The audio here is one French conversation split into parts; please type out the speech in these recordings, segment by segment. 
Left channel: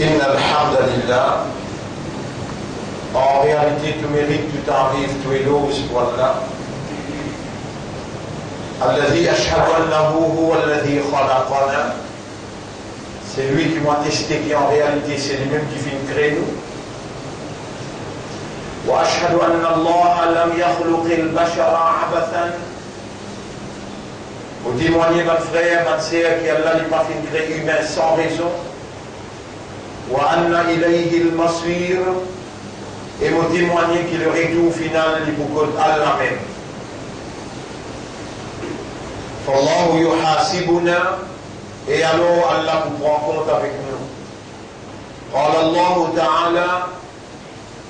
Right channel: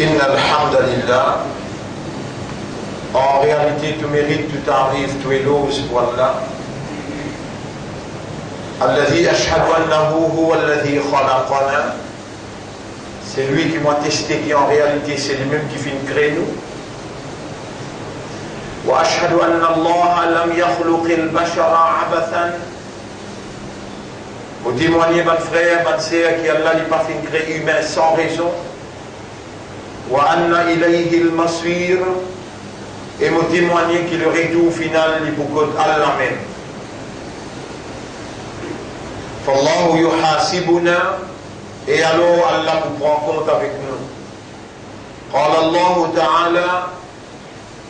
Inna alhamdulillah. En réalité, tout mérite, tout arrive, tout éloge pour Allah. Alladhi ashhadu annahu huwa alladhi khalaqana. C'est lui qui m'a testé, qui en réalité c'est lui-même qui fait créer nous. Wa ashhadu anna Allah lam yakhluqil bashara abathan. Vous témoignez, mon frère, ma sœur, qu'Allah n'a pas fait créer humain sans raison. Wa anna ilayhi al-masir. Et vous témoignez que le retour final est pour Allah même. Fallahu yuhasibuna. Et alors Allah vous prend compte avec nous. Qala Allah Ta'ala.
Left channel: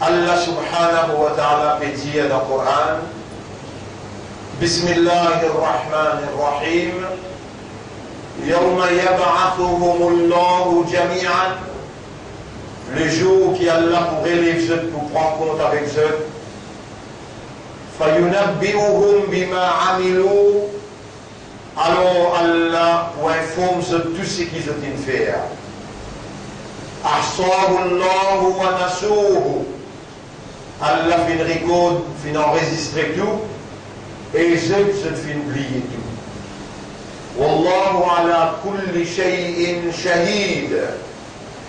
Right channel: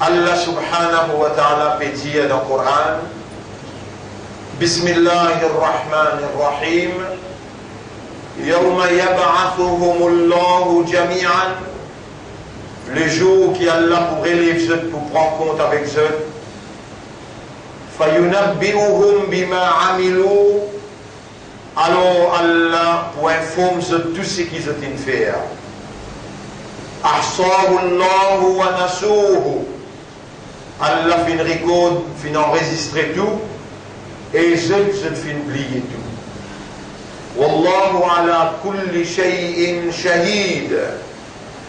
Allah subhanahu wa ta'ala peut dire dans le Coran. Bismillahirrahmanirrahim. Yawma yab'athuhumullahu jami'an. Le jour qui Allah pour élève eux, pour prendre compte avec eux. Fayunabbi'uhum bima amilu. Alors Allah pour informer eux tout ce qu'ils ont fait. Ahsahu Allahu wa nasuhu. Allah fin record, fin enregistrer tout. Et eux fin oublier tout. Wallahu ala kulli shay'in shahid.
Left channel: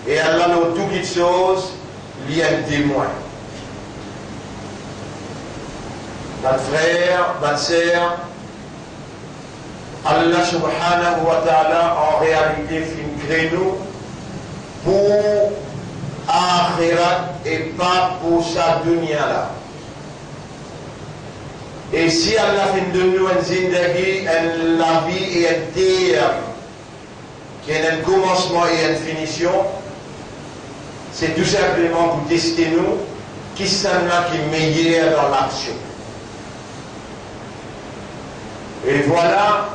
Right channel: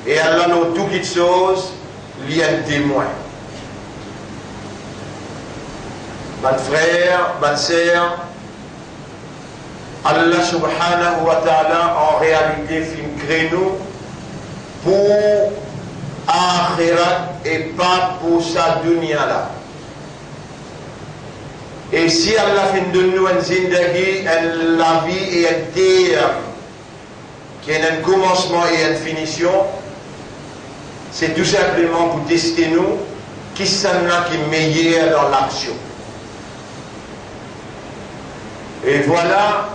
Et Allah n'a tout qui chose, il y a un témoin. Mon frère, ma sœur, Allah subhanahu wa ta'ala en réalité fait créer nous pour akhirat et pas pour sa dunya là. Et si Allah fait de nous un zindagi, la vie et un terme, qui a un commencement et une finition, c'est tout simplement pour tester nous qui sont là qui est meilleur dans l'action. Et voilà,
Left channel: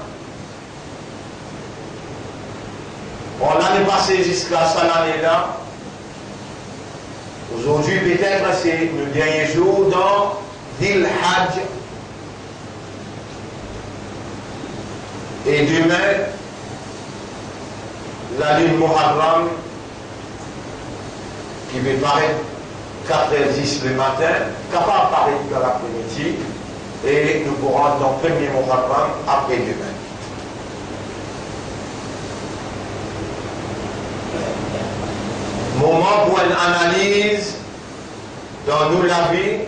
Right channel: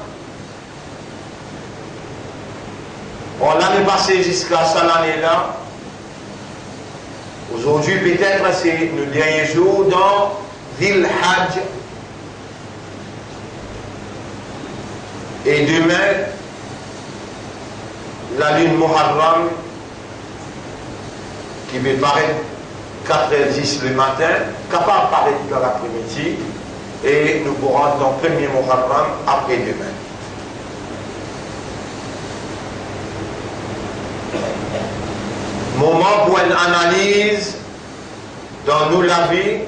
on l'année passée jusqu'à cette année-là. Aujourd'hui, peut-être, c'est le dernier jour dans Dhil Hajj. Et demain, la lune Muharram, qui va paraître 4h10 le matin, capable de paraître dans l'après-midi, et nous pourrons dans le premier Muharram après-demain. Moment pour une analyse dans nous la vie,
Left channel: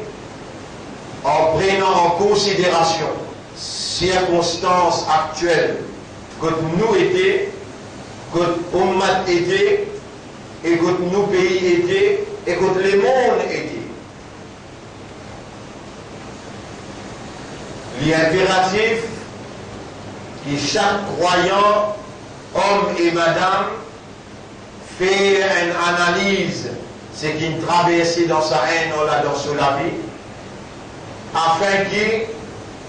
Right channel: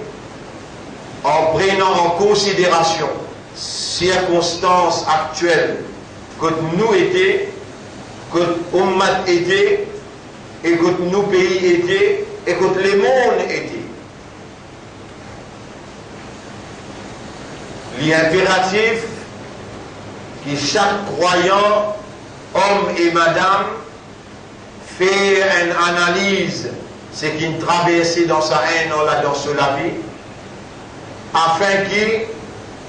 en prenant en considération circonstances actuelles que nous étions, que Ummat était, et que nos pays étaient, et que le monde était. Il est impératif que chaque croyant, homme et madame, fait une analyse, ce qui traverse dans sa haine, dans la vie, afin que,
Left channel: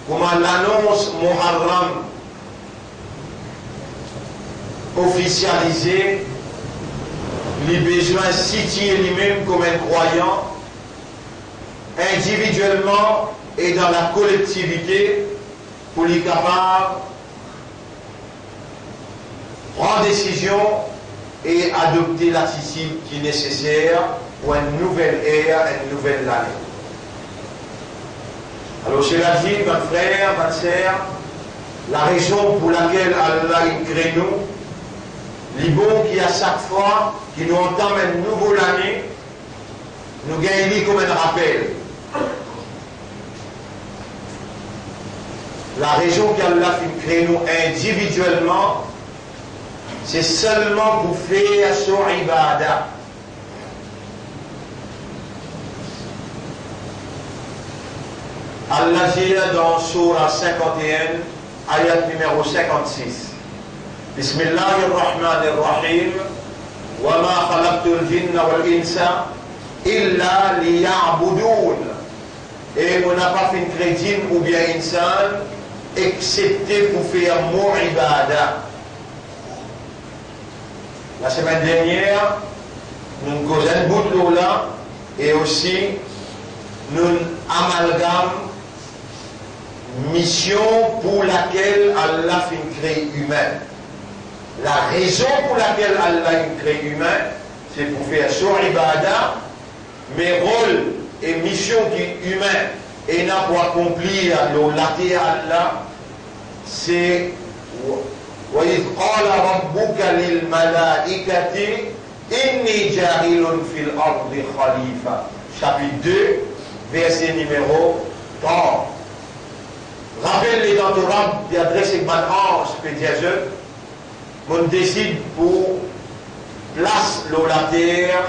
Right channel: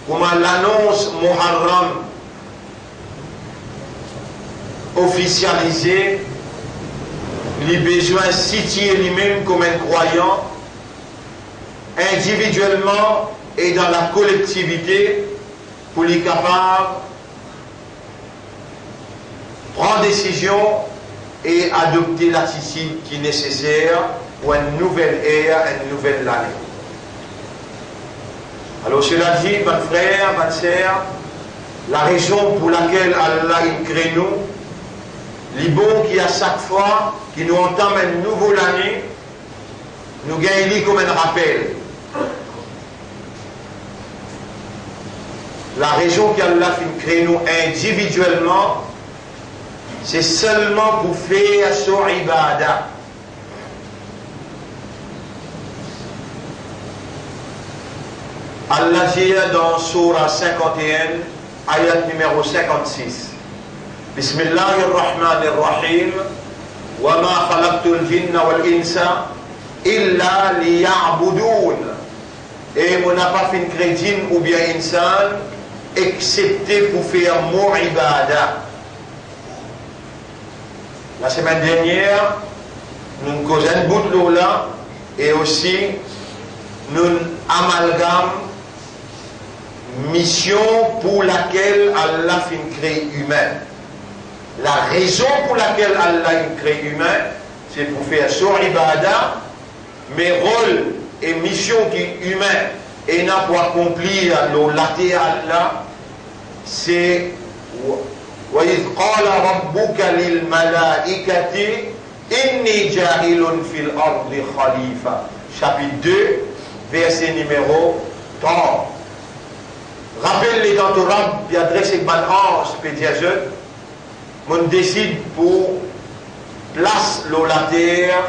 comme l'annonce Muharram officialisée, les besoins situés lui-même comme un croyant, individuellement et dans la collectivité, pour les capables prendre décision et adopter l'attitude qui est nécessaire pour une nouvelle ère, une nouvelle année. Alors cela dit, mon frère, ma sœur, la raison pour laquelle Allah crée nous, les bons qui à chaque fois qui nous entament une nouvelle année, nous gagnons comme un rappel. La raison qu'Allah fait créer nous individuellement, c'est seulement pour faire son ibadah. Allah dit dans Surah 51, ayat numéro 56. Bismillahirrahmanirrahim. Wa ma khalaqtul jinna wal insa illa liya'budun. Et on n'a pas fait créer djinn ou bien insan excepté pour faire mon ibadah. La semaine dernière, nous causons un bout de l'eau là et aussi nous amalgamons mission pour laquelle Allah fait créer humain. La raison pour laquelle Allah crée humain, c'est pour faire son ibadah, mais rôle et mission qui humain et n'a pour accomplir le latéral là, c'est وَإِذْ قَالَ رَبُّكَ لِلْمَلَائِكَةِ إِنِّي جَاعِلٌ فِي الْأَرْضِ خَلِيفَةً. Chapitre 2, verset numéro 30. Rappelle-les dans Torah, puis adresse avec mon ange, pédiageur, on décide pour place l'eau la terre,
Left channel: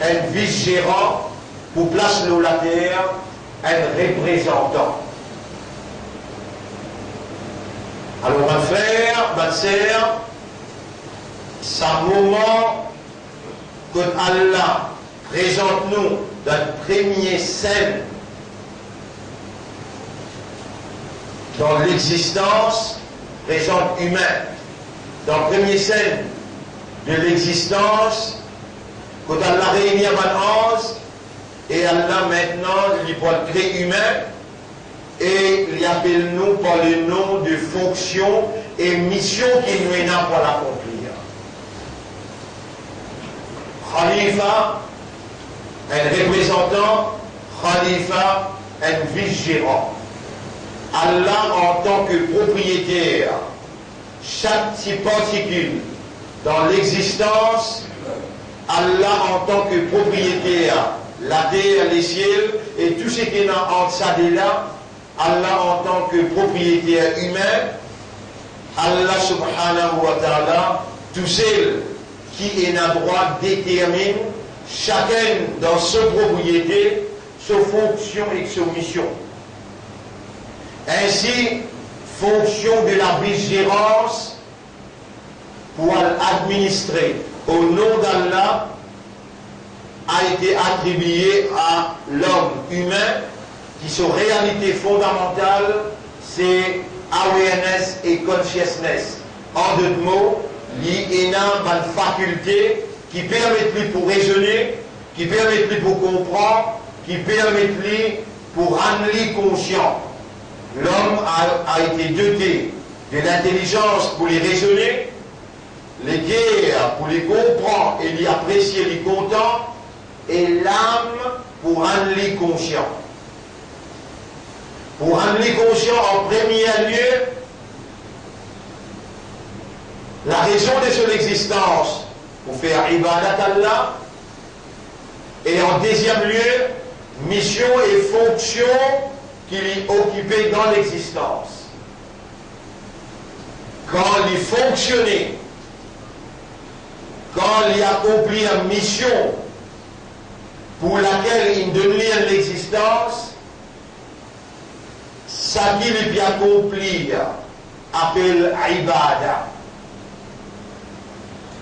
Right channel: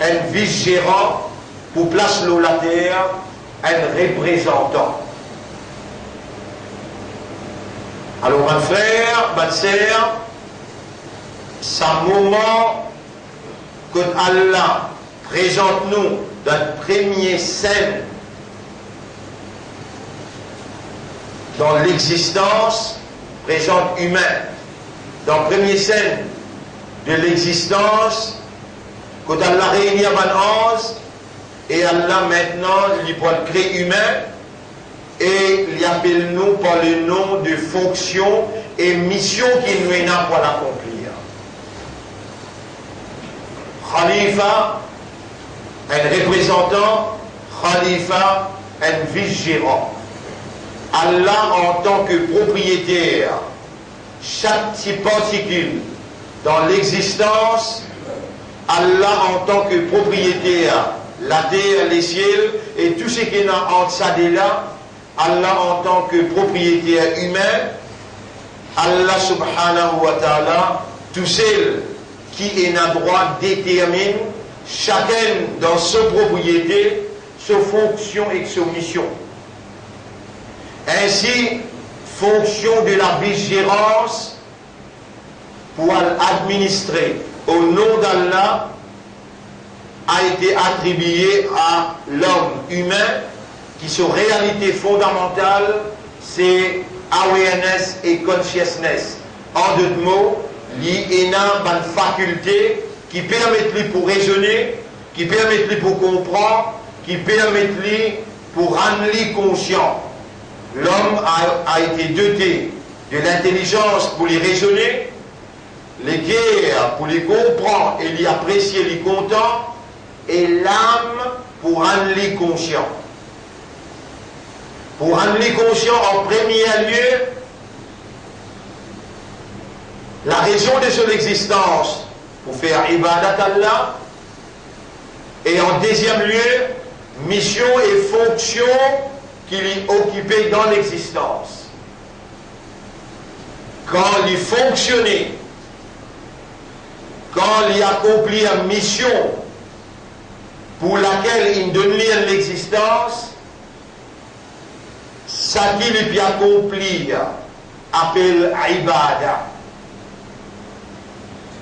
un vice-gérant, pour place l'eau la terre, un représentant. Alors, mon frère, ma sœur, c'est un moment que Allah présente-nous dans le premier scène dans l'existence, présente humain. Dans le premier scène de l'existence, quand Allah réunit un ange, et Allah maintenant, il peut le créer humain, et il appelle nous par le nom de fonction et mission qui nous est là pour l'accomplir. Khalifa, un représentant, Khalifa, un vice-gérant. Allah en tant que propriétaire, chaque petite particule dans l'existence, Allah en tant que propriétaire, la terre, les ciels et tout ce qui est en ça de là, Allah en tant que propriétaire humain, Allah subhanahu wa ta'ala, tout seul qui est un droit détermine chacun dans sa propriété, sa fonction et sa mission. Ainsi, fonction de la vice-gérance pour administrer au nom d'Allah a été attribuée à l'homme humain qui sont réalité fondamentale, c'est awareness et consciousness. En deux mots, il y a une faculté qui permet lui pour raisonner, qui permet lui pour comprendre, qui permet lui pour rendre lui conscient. L'homme a été doté de l'intelligence pour les raisonner, les guerres pour les comprendre et les apprécier, les content, et l'âme pour rendre les conscient. Pour rendre les conscients en premier lieu, la raison de son existence, pour faire ibadat Allah, et en deuxième lieu, mission et fonction qu'il est occupé dans l'existence. Quand il fonctionnait, quand il accomplit une mission pour laquelle il donne l'existence, ça qu'il peut accomplir appelle ibadah.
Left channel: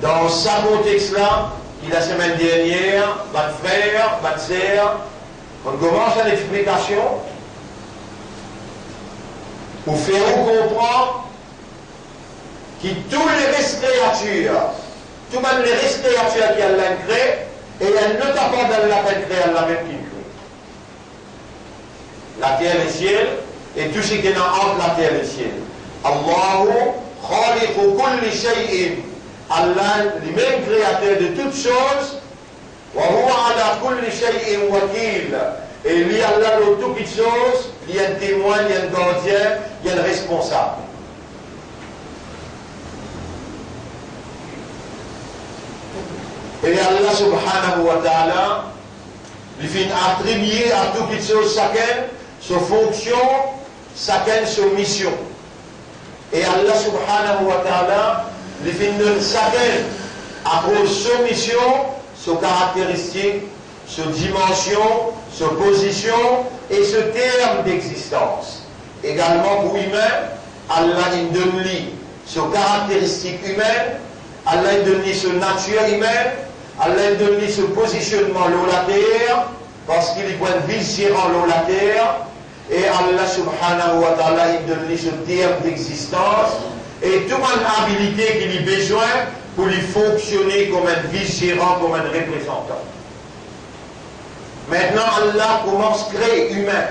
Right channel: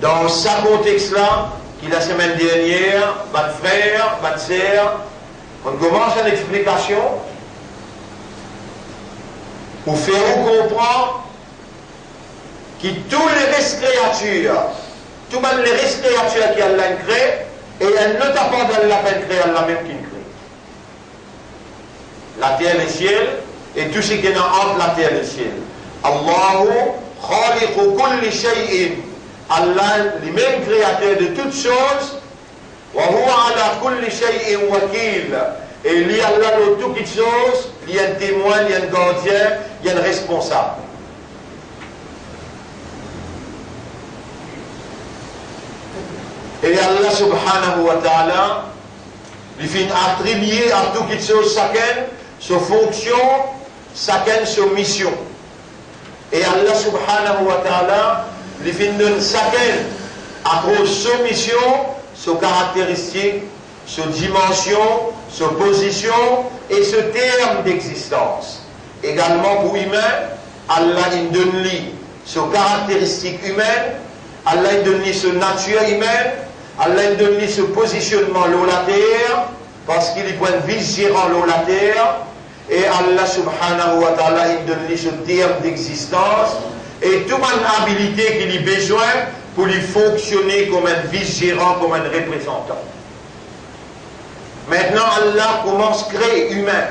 Dans ce contexte-là, qui la semaine dernière, votre frère, votre sœur, on commence une explication pour faire vous comprendre que tous les restes créatures, tout même les restes créatures qui Allah crée, et elle ne t'a pas d'Allah créer Allah même qui crée. La terre et le ciel, et tout ce qui est entre la terre et le ciel. Allahu khaliqu kulli shay'in. Allah, le même créateur de toutes choses, wa huwa ala kulli shay'in wakil. Et lui, Allah, de toutes choses, il y a un témoin, il y a un gardien, il y a un responsable. Et Allah subhanahu wa ta'ala, lui fait attribuer à toutes choses chacun sa fonction, chacun sa mission. Et Allah subhanahu wa ta'ala, lui fait donner chacun à cause de sa mission, sa caractéristique, sa dimension, sa position et ce terme d'existence. Également pour humain, Allah il donne lui sa caractéristique humaine, Allah il donne lui sa nature humaine, Allah il donne lui ce positionnement sur la terre, parce qu'il est point vice-gérant sur la terre, et Allah subhanahu wa ta'ala il donne lui ce terme d'existence, et toute une habilité qu'il a besoin pour lui fonctionner comme un vice-gérant, comme un représentant. Maintenant, Allah commence à créer humain.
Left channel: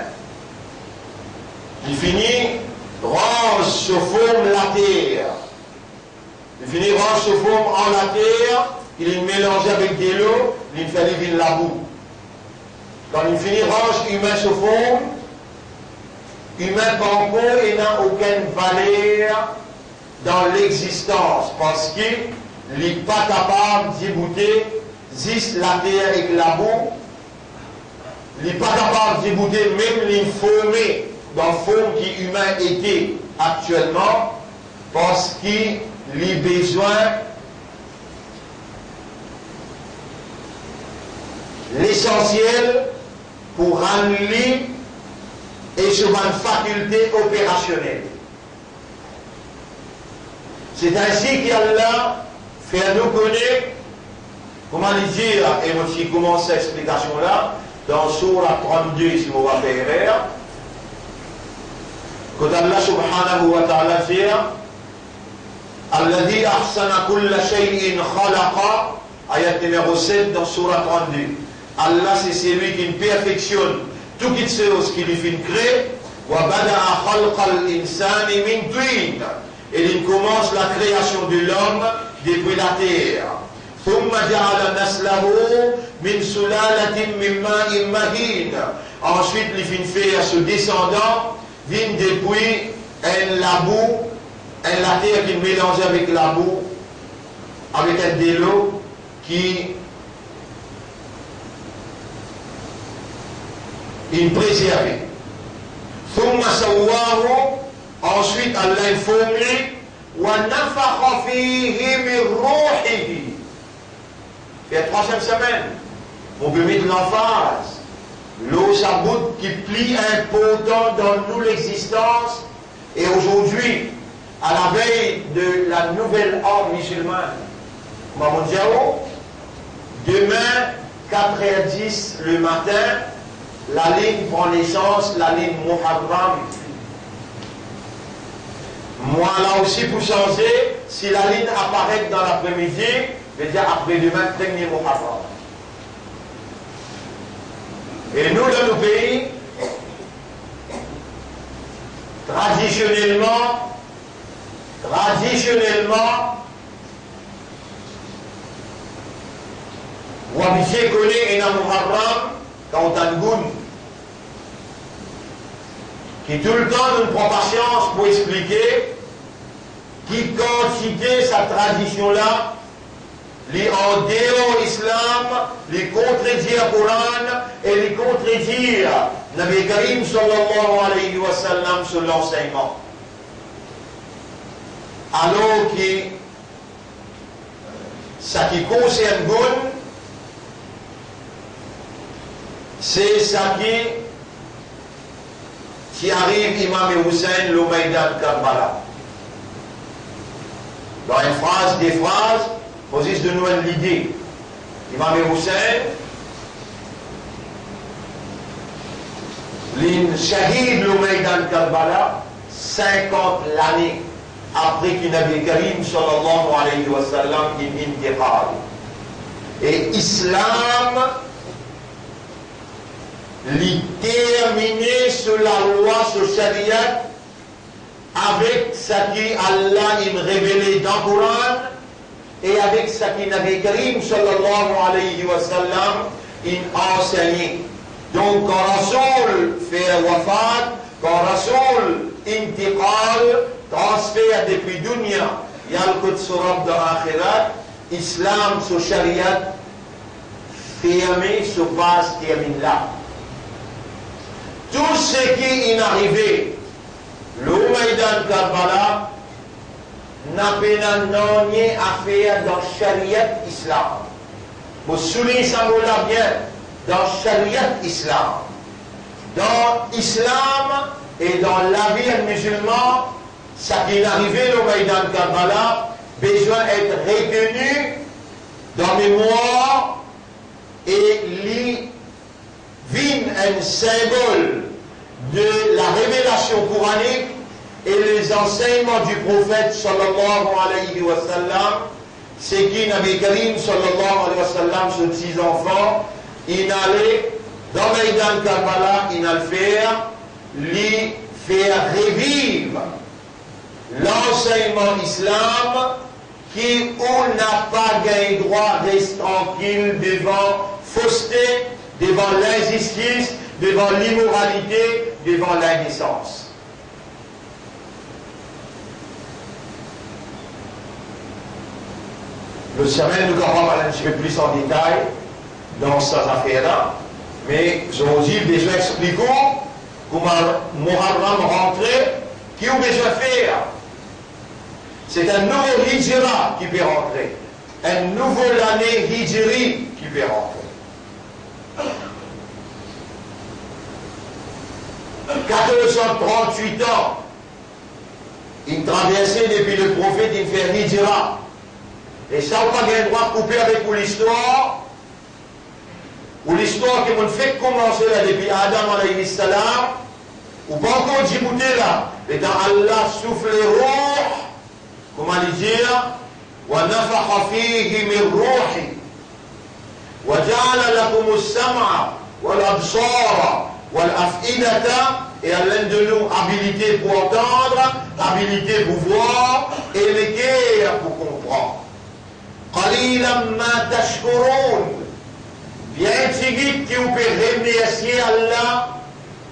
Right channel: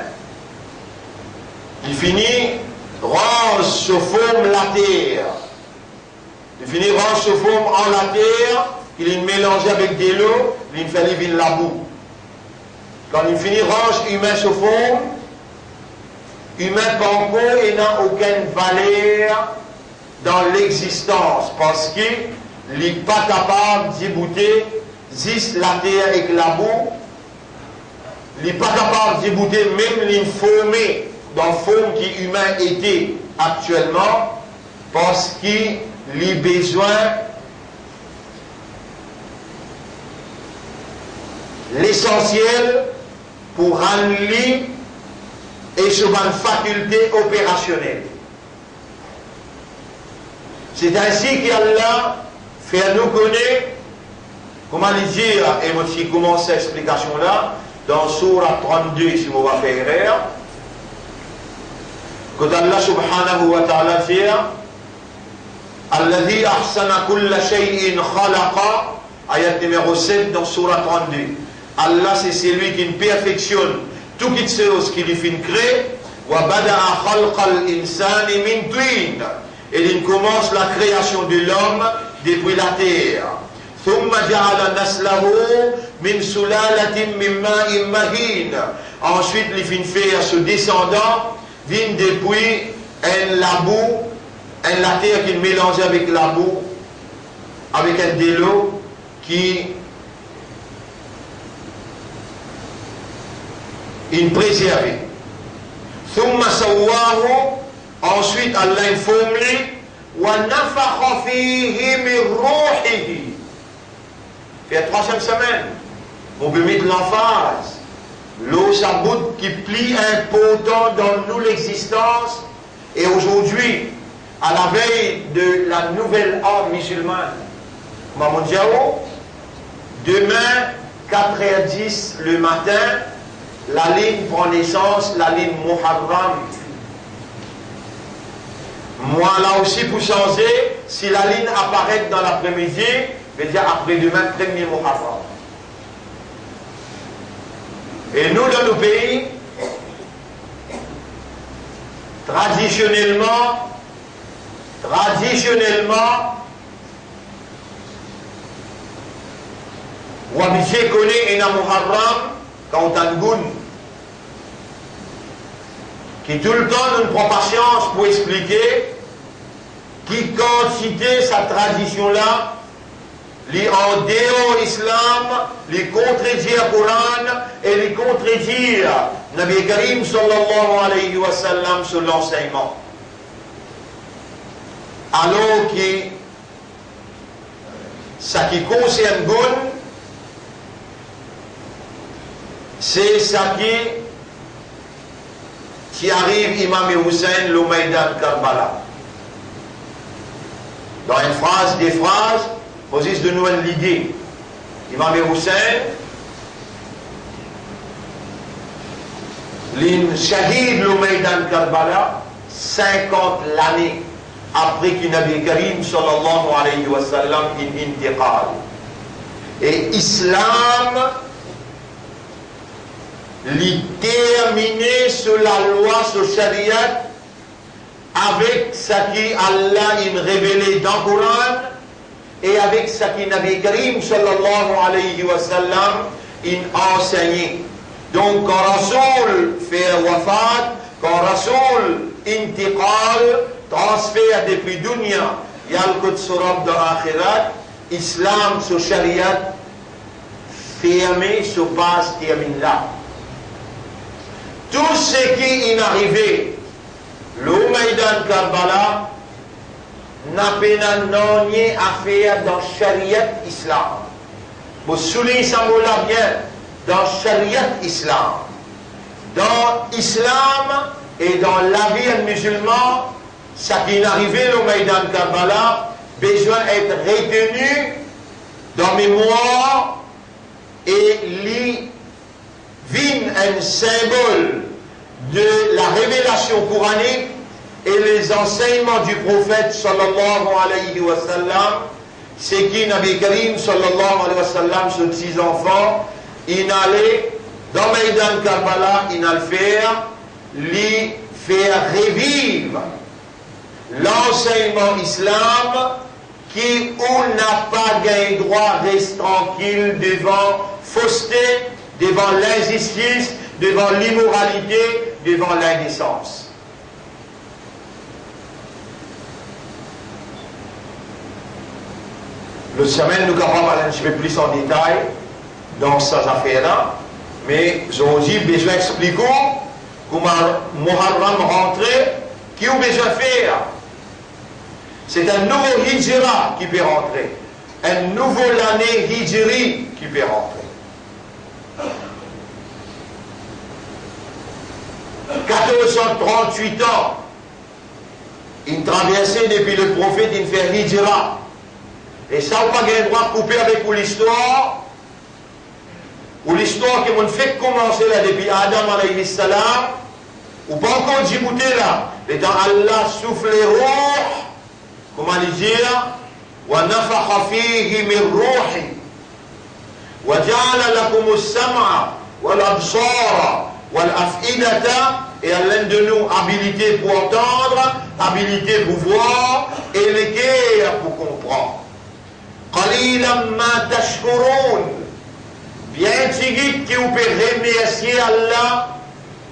Il finit, range se forme la terre. Il finit, range se forme en la terre, il est mélangé avec de l'eau, il fait vivre la boue. Quand il finit range humain sur fond, humain panko et n'a aucune valeur dans l'existence parce qu'il n'est pas capable d'y bouter juste la terre avec la boue. Il n'est pas capable d'y bouter même l'informé dans la forme qui humain était actuellement parce qu'il a besoin l'essentiel pour rendre et sur une faculté opérationnelle. C'est ainsi qu'Allah fait nous connaître, comment le dire, et moi je commence cette explication-là, dans Surah 32, si on va faire erreur, quand Allah subhanahu wa ta'ala dit Alladhi ahsana kulla shay'in khalaqa, ayat numéro 7 dans Surah 32. Allah c'est celui qui perfectionne toute chose qu'il fait créer. Wa bada'a khalqal insani min tin. Et il commence la création de l'homme depuis la terre. Thumma ja'ala naslahu min sulalatin min ma'in mahin. Ensuite il fait faire ce descendant vient depuis la boue, la terre qui mélange avec la boue, avec un de l'eau qui est préservé. Thumma sawwahu, ensuite Allah informe wa nafakha fihi min ruhihi. C'est la troisième semaine. On peut mettre l'emphase. L'eau saboute qui plie important dans nous l'existence. Et aujourd'hui, à la veille de la nouvelle ère musulmane, Maman Diao, demain, 4h10 le matin, la ligne prend naissance, la ligne Muharram. Moi là aussi pour changer, si la ligne apparaît dans l'après-midi, je vais dire après-demain, 1er Muharram. Et nous, dans nos pays, traditionnellement, Wabissé connaît un Muharram, quand on a une goune, qui tout le temps ne prend pas patience pour expliquer qui quantité sa tradition-là, les en dehors l'islam, les contredire le Coran et les contredire Nabi Karim sallallahu alayhi wa sallam sur l'enseignement. Alors que ça qui concerne Goun, c'est ça qui arrive Imam Hussein le Maïdan Karbala. Dans une phrase, des phrases, posent de nous l'idée. Imam Hussein, l'Shahid le Maïdan Karbala, 50 l'année après que Nabi Karim sallallahu alayhi wa sallam est intiqal. Et Islam l'y terminé sur la loi, sur Sharia, avec ce qui Allah a révélé dans le Coran et avec ce qui Nabi Karim sallallahu alayhi wa sallam a enseigné. Donc quand Rasoul fait wafat, quand Rasoul intiqal, transfert depuis dunya, yalkut surab de akhirat, Islam sur Sharia, fermé sur base termine là. Tout ce qui est arrivé, le Maïdan Karbala, n'a pas rien à faire dans le Sharia Islam. Vous soulignez ça bien, dans le Sharia Islam. Dans l'Islam et dans la vie musulmane, ce qui est arrivé, le Maïdan Karbala, besoin d'être retenu dans mémoire et vin un symbole de la révélation coranique et les enseignements du prophète sallallahu alayhi wa sallam, c'est qui Nabi Karim sallallahu alayhi wa sallam, ses 6 enfants, il allait dans Maïdan Karbala, il allait faire revivre l'enseignement islam qui on n'a pas gain droit, reste tranquille devant fausseté, devant l'injustice, devant l'immoralité, devant l'indécence. Le semaine, nous allons aller un petit peu plus en détail dans ces affaires-là, mais j'ai aussi besoin d'expliquer comment Muharram rentrer, qui a besoin de faire. C'est un nouveau hijra qui peut rentrer, un nouveau année hijri qui peut rentrer. 1438 ans, il traversait depuis le prophète, il fait hijra. Et ça, on n'a pas le droit de couper avec l'histoire, ou l'histoire qui m'a fait commencer là depuis Adam alayhi salam, ou pas encore Djibouti là, et dans Allah souffle les rouh, comment le dire, وَنَفَخَ فِيهِ مِنْ رُوحِ وَجَعَلَ لَكُمُ السَّمْعَ وَالْأَبْصَارَ وَالْأَفْئِدَةَ, et Allah de nous habilité pour entendre, habilité pour voir, et le cœur pour comprendre. قَلِيلًا مَا تَشْكُرُونَ, bien tigit qui vous peut remercier Allah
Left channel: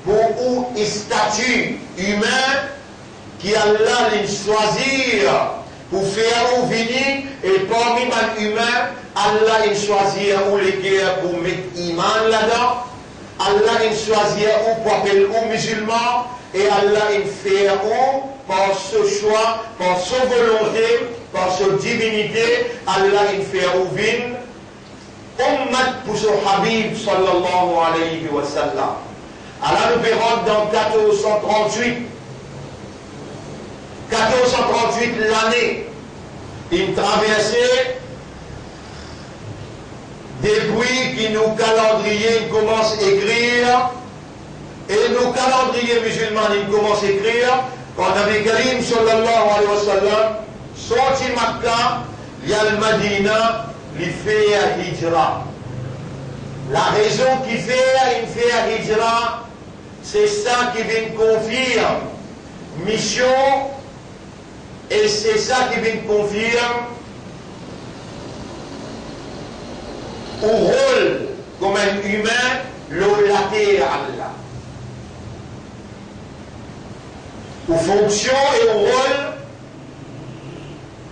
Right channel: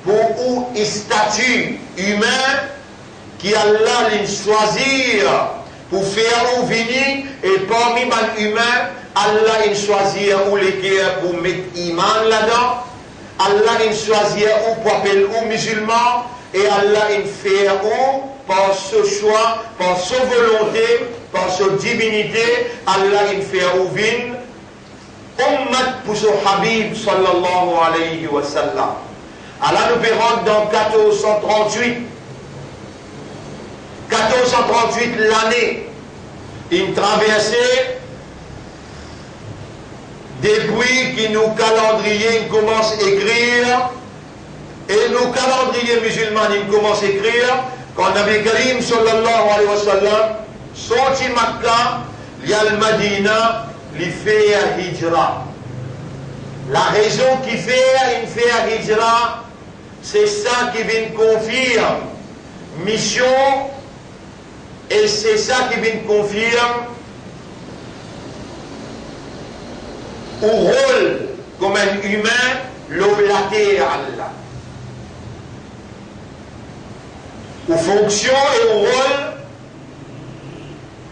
pour un statut humain qui Allah l'a choisi pour faire ou venir, et parmi les humains, Allah l'a choisi ou les cœurs pour mettre iman là-dedans, Allah l'a choisi ou pour appeler aux musulmans, et Allah l'a fait ou par ce choix, par sa volonté, par sa divinité, Allah l'a fait ou venir ummat pour son Habib sallallahu alayhi wa sallam. Allah nous verra dans 1438. 1438 l'année, une traversée depuis que nos calendriers commencent à écrire, et nos calendriers musulmans commencent à écrire, quand Nabi Karim sallallahu alayhi wa sallam sorti Makkah, il y a le Madina, il fait un hijra. La raison qui fait un hijra, c'est ça qui vient confirmer mission, et c'est ça qui vient confirmer au rôle comme un humain, l'oblaté à Allah. Aux fonctions et au rôle,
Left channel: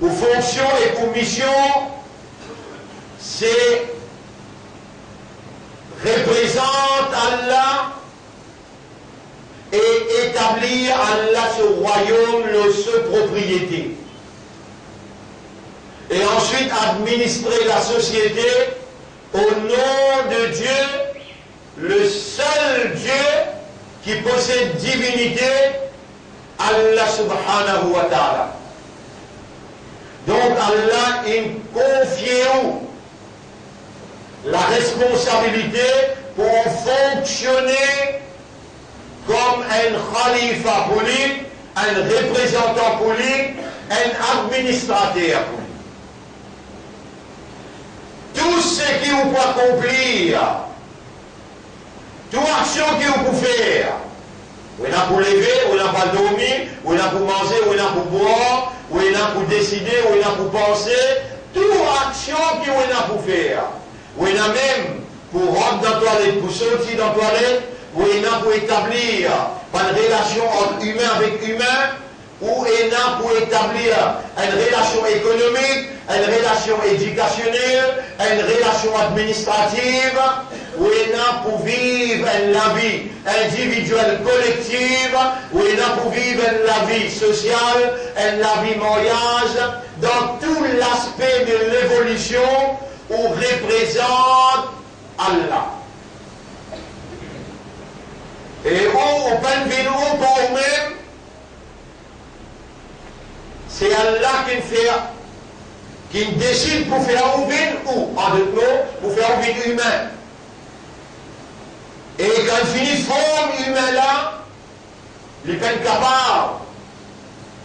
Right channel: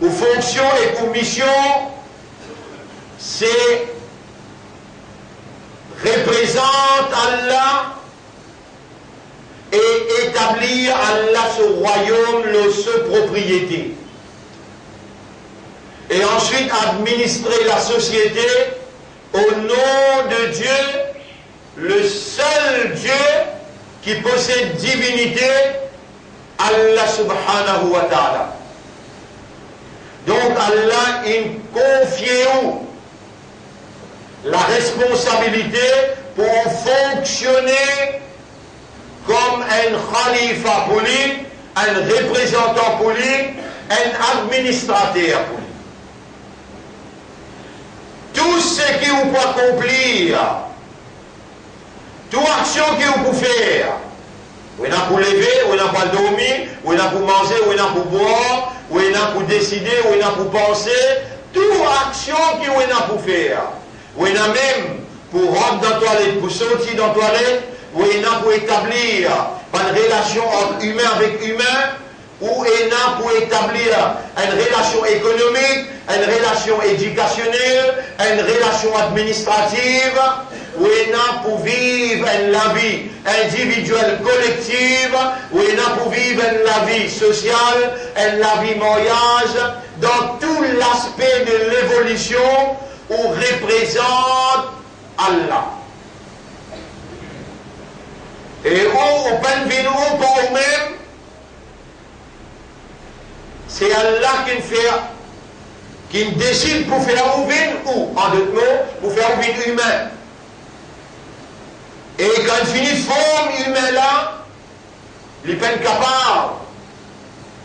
aux fonctions et aux missions, c'est représente Allah et établir Allah ce royaume, sa propriété. Et ensuite administrer la société au nom de Dieu, le seul Dieu qui possède divinité, Allah subhanahu wa ta'ala. Donc Allah il confie la responsabilité pour fonctionner comme un khalifa politique, un représentant politique, un administrateur politique. Tout ce qui vous peut accomplir, toute action que vous pouvez faire, vous n'avez pour lever, vous n'avez pas dormir, vous n'avez pour manger, vous n'avez pour boire, vous n'avez pour décider, vous n'avez pour penser, toute action que vous n'avez pour faire. Vous n'avez même pour rentrer dans la toilette, pour sortir dans la toilette, vous n'avez pour établir une relation entre humain avec humain, ou pour établir une relation économique, une relation éducationnelle, une relation administrative, ou pour vivre la vie individuelle collective, ou pour vivre la vie sociale, la vie mariage, dans tout l'aspect de l'évolution où représente Allah. Et où on peut venir pour nous-mêmes, c'est Allah qui décide pour faire ouvrir, ou en d'autres mots, pour faire ouvrir humain. Et quand il finit forme humaine là, il est capable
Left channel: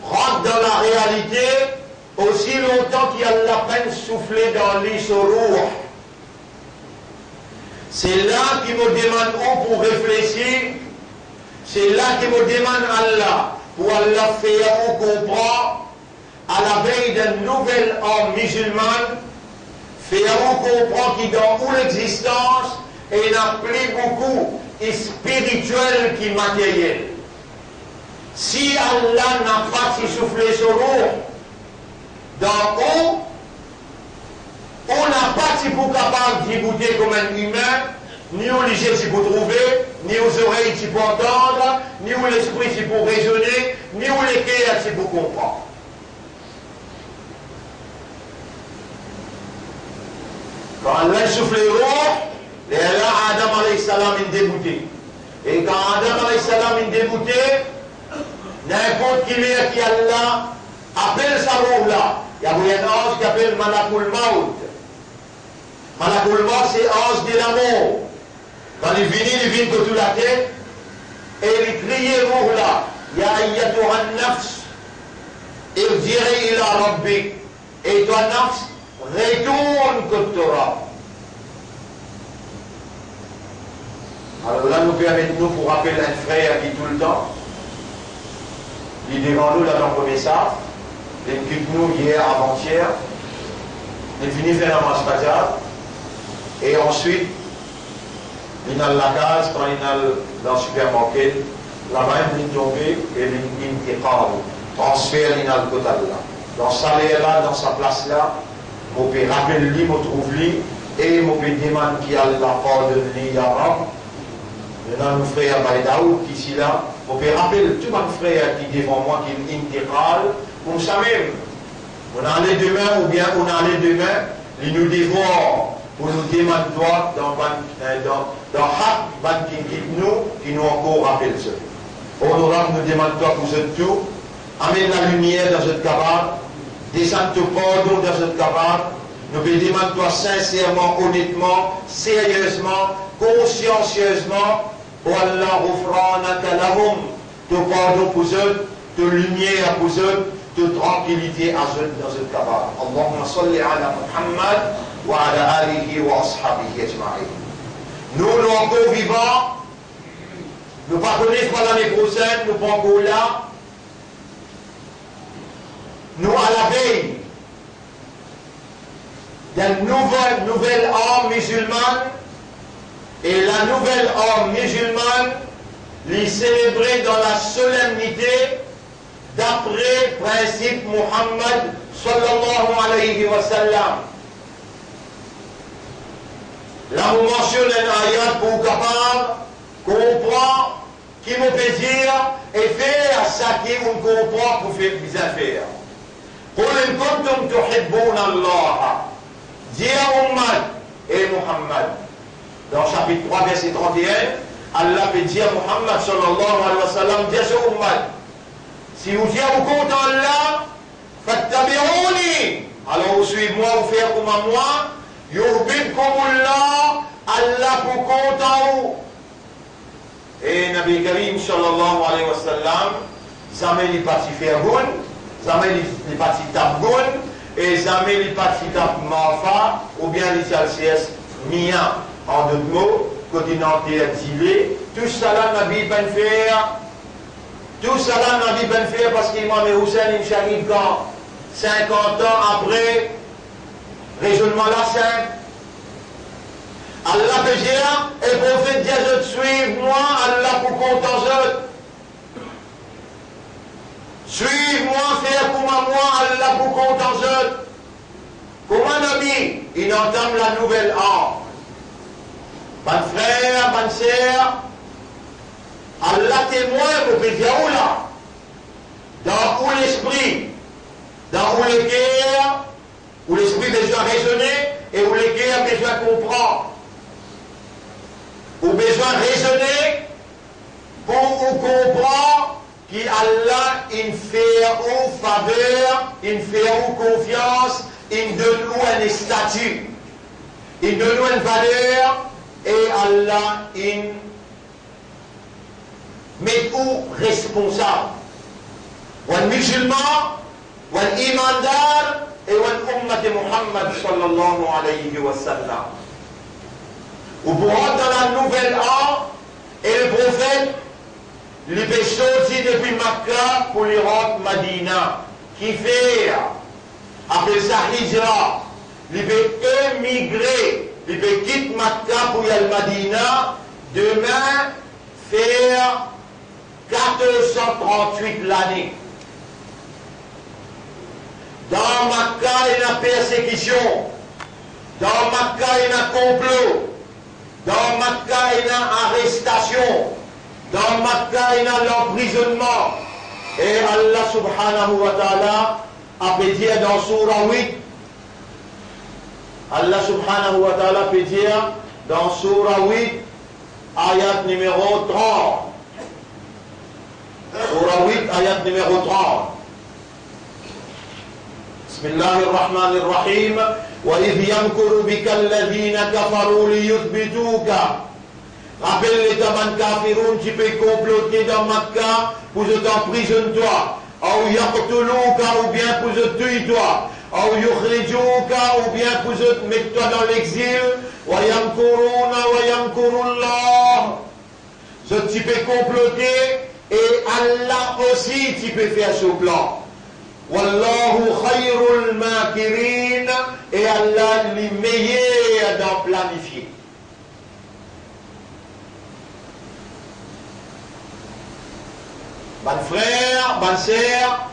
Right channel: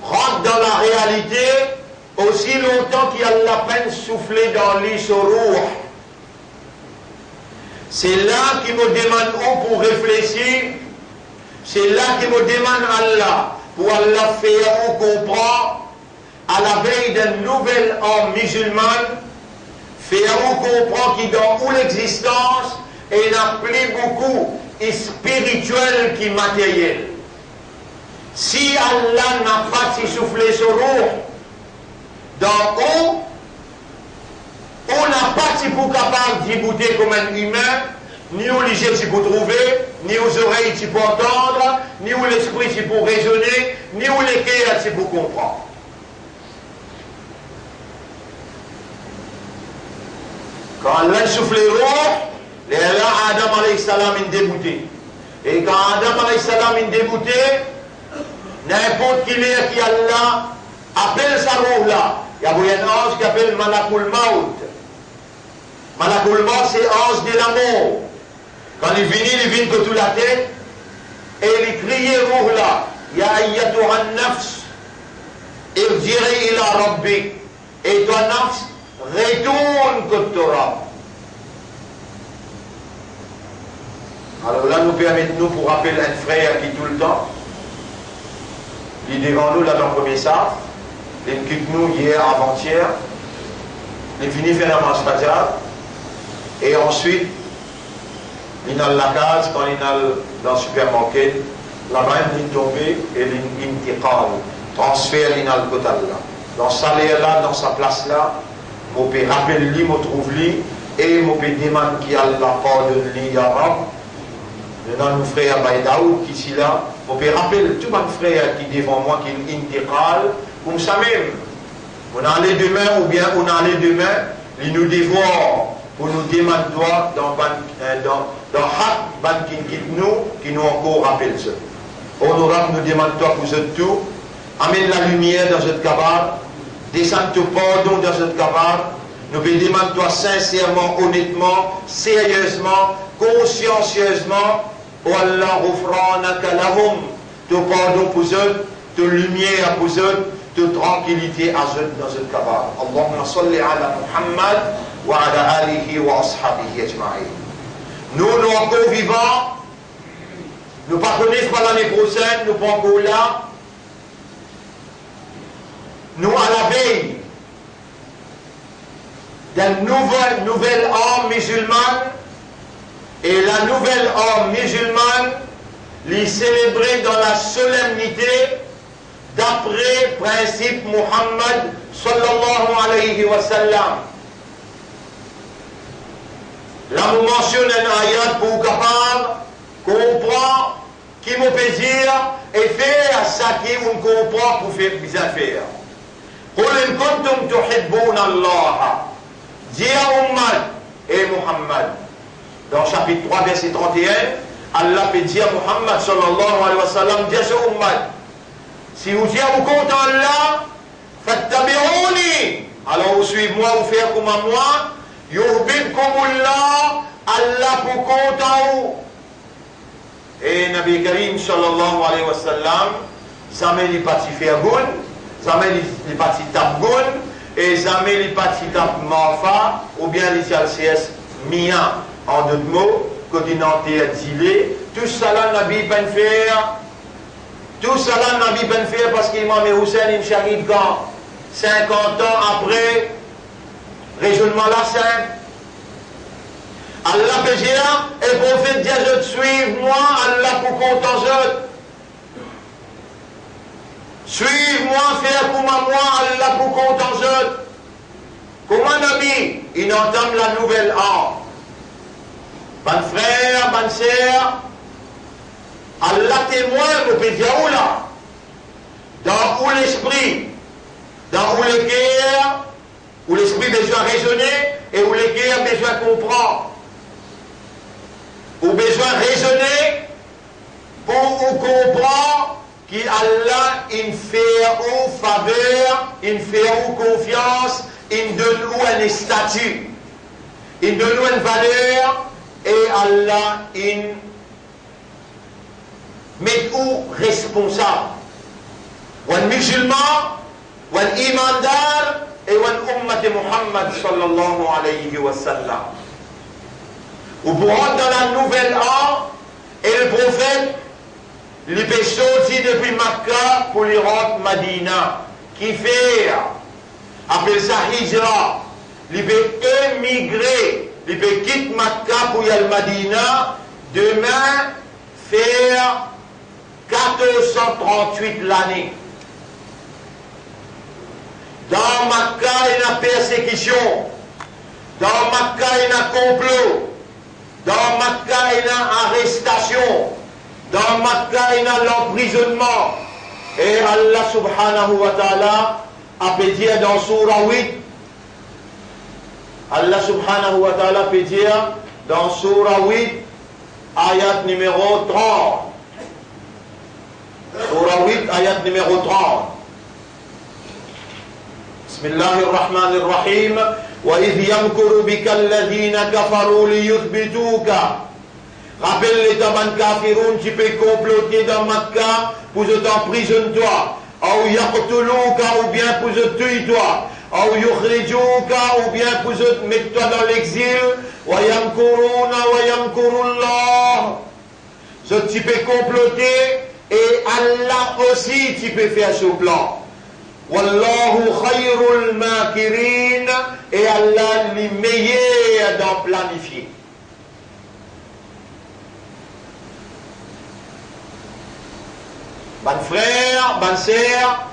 rentre dans la réalité aussi longtemps qu'il y a la peine soufflée dans lui son roux. C'est là qu'il me demande pour réfléchir, c'est là qu'il me demande Allah, pour Allah faire on comprend à la veille d'un nouvel an musulman, faire-vous comprendre qu'il dans où l'existence est plus beaucoup spirituel que matériel. Si Allah n'a pas si soufflé sur nous, dans où, on n'a pas si pour capable d'y goûter comme un humain, ni aux yeux si pour trouver, ni aux oreilles si pour entendre, ni aux l'esprit si pour raisonner, ni aux cœurs si pour comprendre. Quand Allah souffle roux, Adam alayhi salam est débouté. Et quand Adam alayhi salam est débouté, n'importe qui est qui Allah appelle sa roue là. Il y a un ange qui appelle Malakul Maut. Malakul Maut, c'est ange de la mort. Quand il vient que toute la tête, et il crie roue là. Ya ayyatuha nafs, irji'i ila rabbik. Et toi nafs, retourne que tu auras. Alors là, nous permettons pour rappeler un frère qui tout le temps, il est devant nous là dans le premier sac, il quitte nous hier, avant-hier, il finit faire la marche fajar, et ensuite, il est dans la case, quand il est dans le supermarché, la main il est tombée et il est transfert, il est dans le côté là. Dans sa salaire là, dans sa place là, on peut rappeler lui, on trouve lui, et on peut demander qu'il a la pardonne lui, ya Rab. Maintenant, nos frères Baïdaoud qui ici là, on peut rappeler tout mon frère qui devant moi, qui est intégral, comme ça même. On a les deux mains, ou bien on a les deux mains, ils nous dévorent pour nous demander dans Hak, qui nous encore rappelle ça. Honorable nous demande toi pour ce tout, amène la lumière dans cette cabane, descends ton pardon dans cette cabane, nous te demandons toi sincèrement, honnêtement, sérieusement, consciencieusement, oh Allah, ghufranaka lahum, te pardon pour eux, te lumière pour eux, te tranquillité à eux dans cette cabane. Allahumma salli ala Muhammad wa ala alihi wa ashabihi ajma'in. Nous encore vivants, nous ne connaissons pas l'année prochaine, nous ne sommes pas encore là. Nous à la veille d'un nouvel an musulman, et la nouvelle an musulmane l'est célébrée dans la solennité d'après principe Muhammad sallallahu alayhi wa sallam. Là, on mentionne un ayat pour capable comprendre qui me plaisir et faire ça qui on comprend pour faire bien faire. قل إن كنتم تحبون الله. Dis à Ummah et Muhammad. Dans chapitre 3, verset 31, Allah peut dire à Muhammad sallallahu alayhi wa sallam, dis à Ummah, si vous dites vous comptez Allah, fattabi'ouni. Alors vous suivez-moi, vous faites comme moi, yuhbibkumullah, Allah pour compter vous. Et Nabi Karim sallallahu alayhi wa sallam, jamais les partis faire goun, jamais les partis tap goun, et jamais les partis tap mafa, ou bien les CLCS mia, en d'autres mots, continental dilé, tout ça là Nabi ben faire, tout ça là Nabi ben faire parce qu'Imam Hussein il s'arrive quand 50 ans après, raisonnement la simple. Allah peut dire, et prophète dit je te suive moi, Allah pour compter je. Suive-moi, fais comme moi, Allah pour compter je. Comment Nabi, il entame la nouvelle âme. Ban frère, ban sœur, Allah témoin, vous pouvez dire où là? Dans où l'esprit, dans où le cœur, où l'esprit besoin raisonner et où le cœur besoin comprendre. Ou besoin raisonner pour comprendre qu'Allah il fait ou faveur, il fait ou confiance, il donne ou un statut, il donne ou une valeur et Allah il met ou responsable. Ou un musulman, ou un imandar et ou un ummat de Muhammad sallallahu alayhi wa sallam. Ou pour rentrer dans la nouvelle an, et le prophète, il peut sortir depuis Makkah pour les rentrer Madina. qui fait, appelle ça hijra, il peut émigrer, il peut quitter Makkah pour y aller à Madina, demain faire 1438 l'année. Dans Makkah, il y a persécution. Dans Makkah, il y a complot. Dans Makkah, il y a arrestation. Dans Makkah, il y a l'emprisonnement. Et Allah subhanahu wa ta'ala a pu dire dans Surah 8, Allah subhanahu wa ta'ala peut dire dans Surah 8, ayat numéro 30. Surah 8, ayat numéro 30. بسم الله الرحمن الرحيم وإذ يمكر بك الذين كفروا ليثبتوك. Rappelle-les taban kafiroun qui peut comploter dans Makkah pour t'emprisonner toi, ou yaqtuluka ou bien pour te tuer toi, ou yukhrijuka ou bien pour te mettre toi dans l'exil, wa yamkuruna wa yamkurullah. Ce tu peux comploter et Allah aussi tu peux faire ce plan. Wallahu khayrul makirin, et Allah est le meilleur d'en planifier. Ban frère, ban sœur,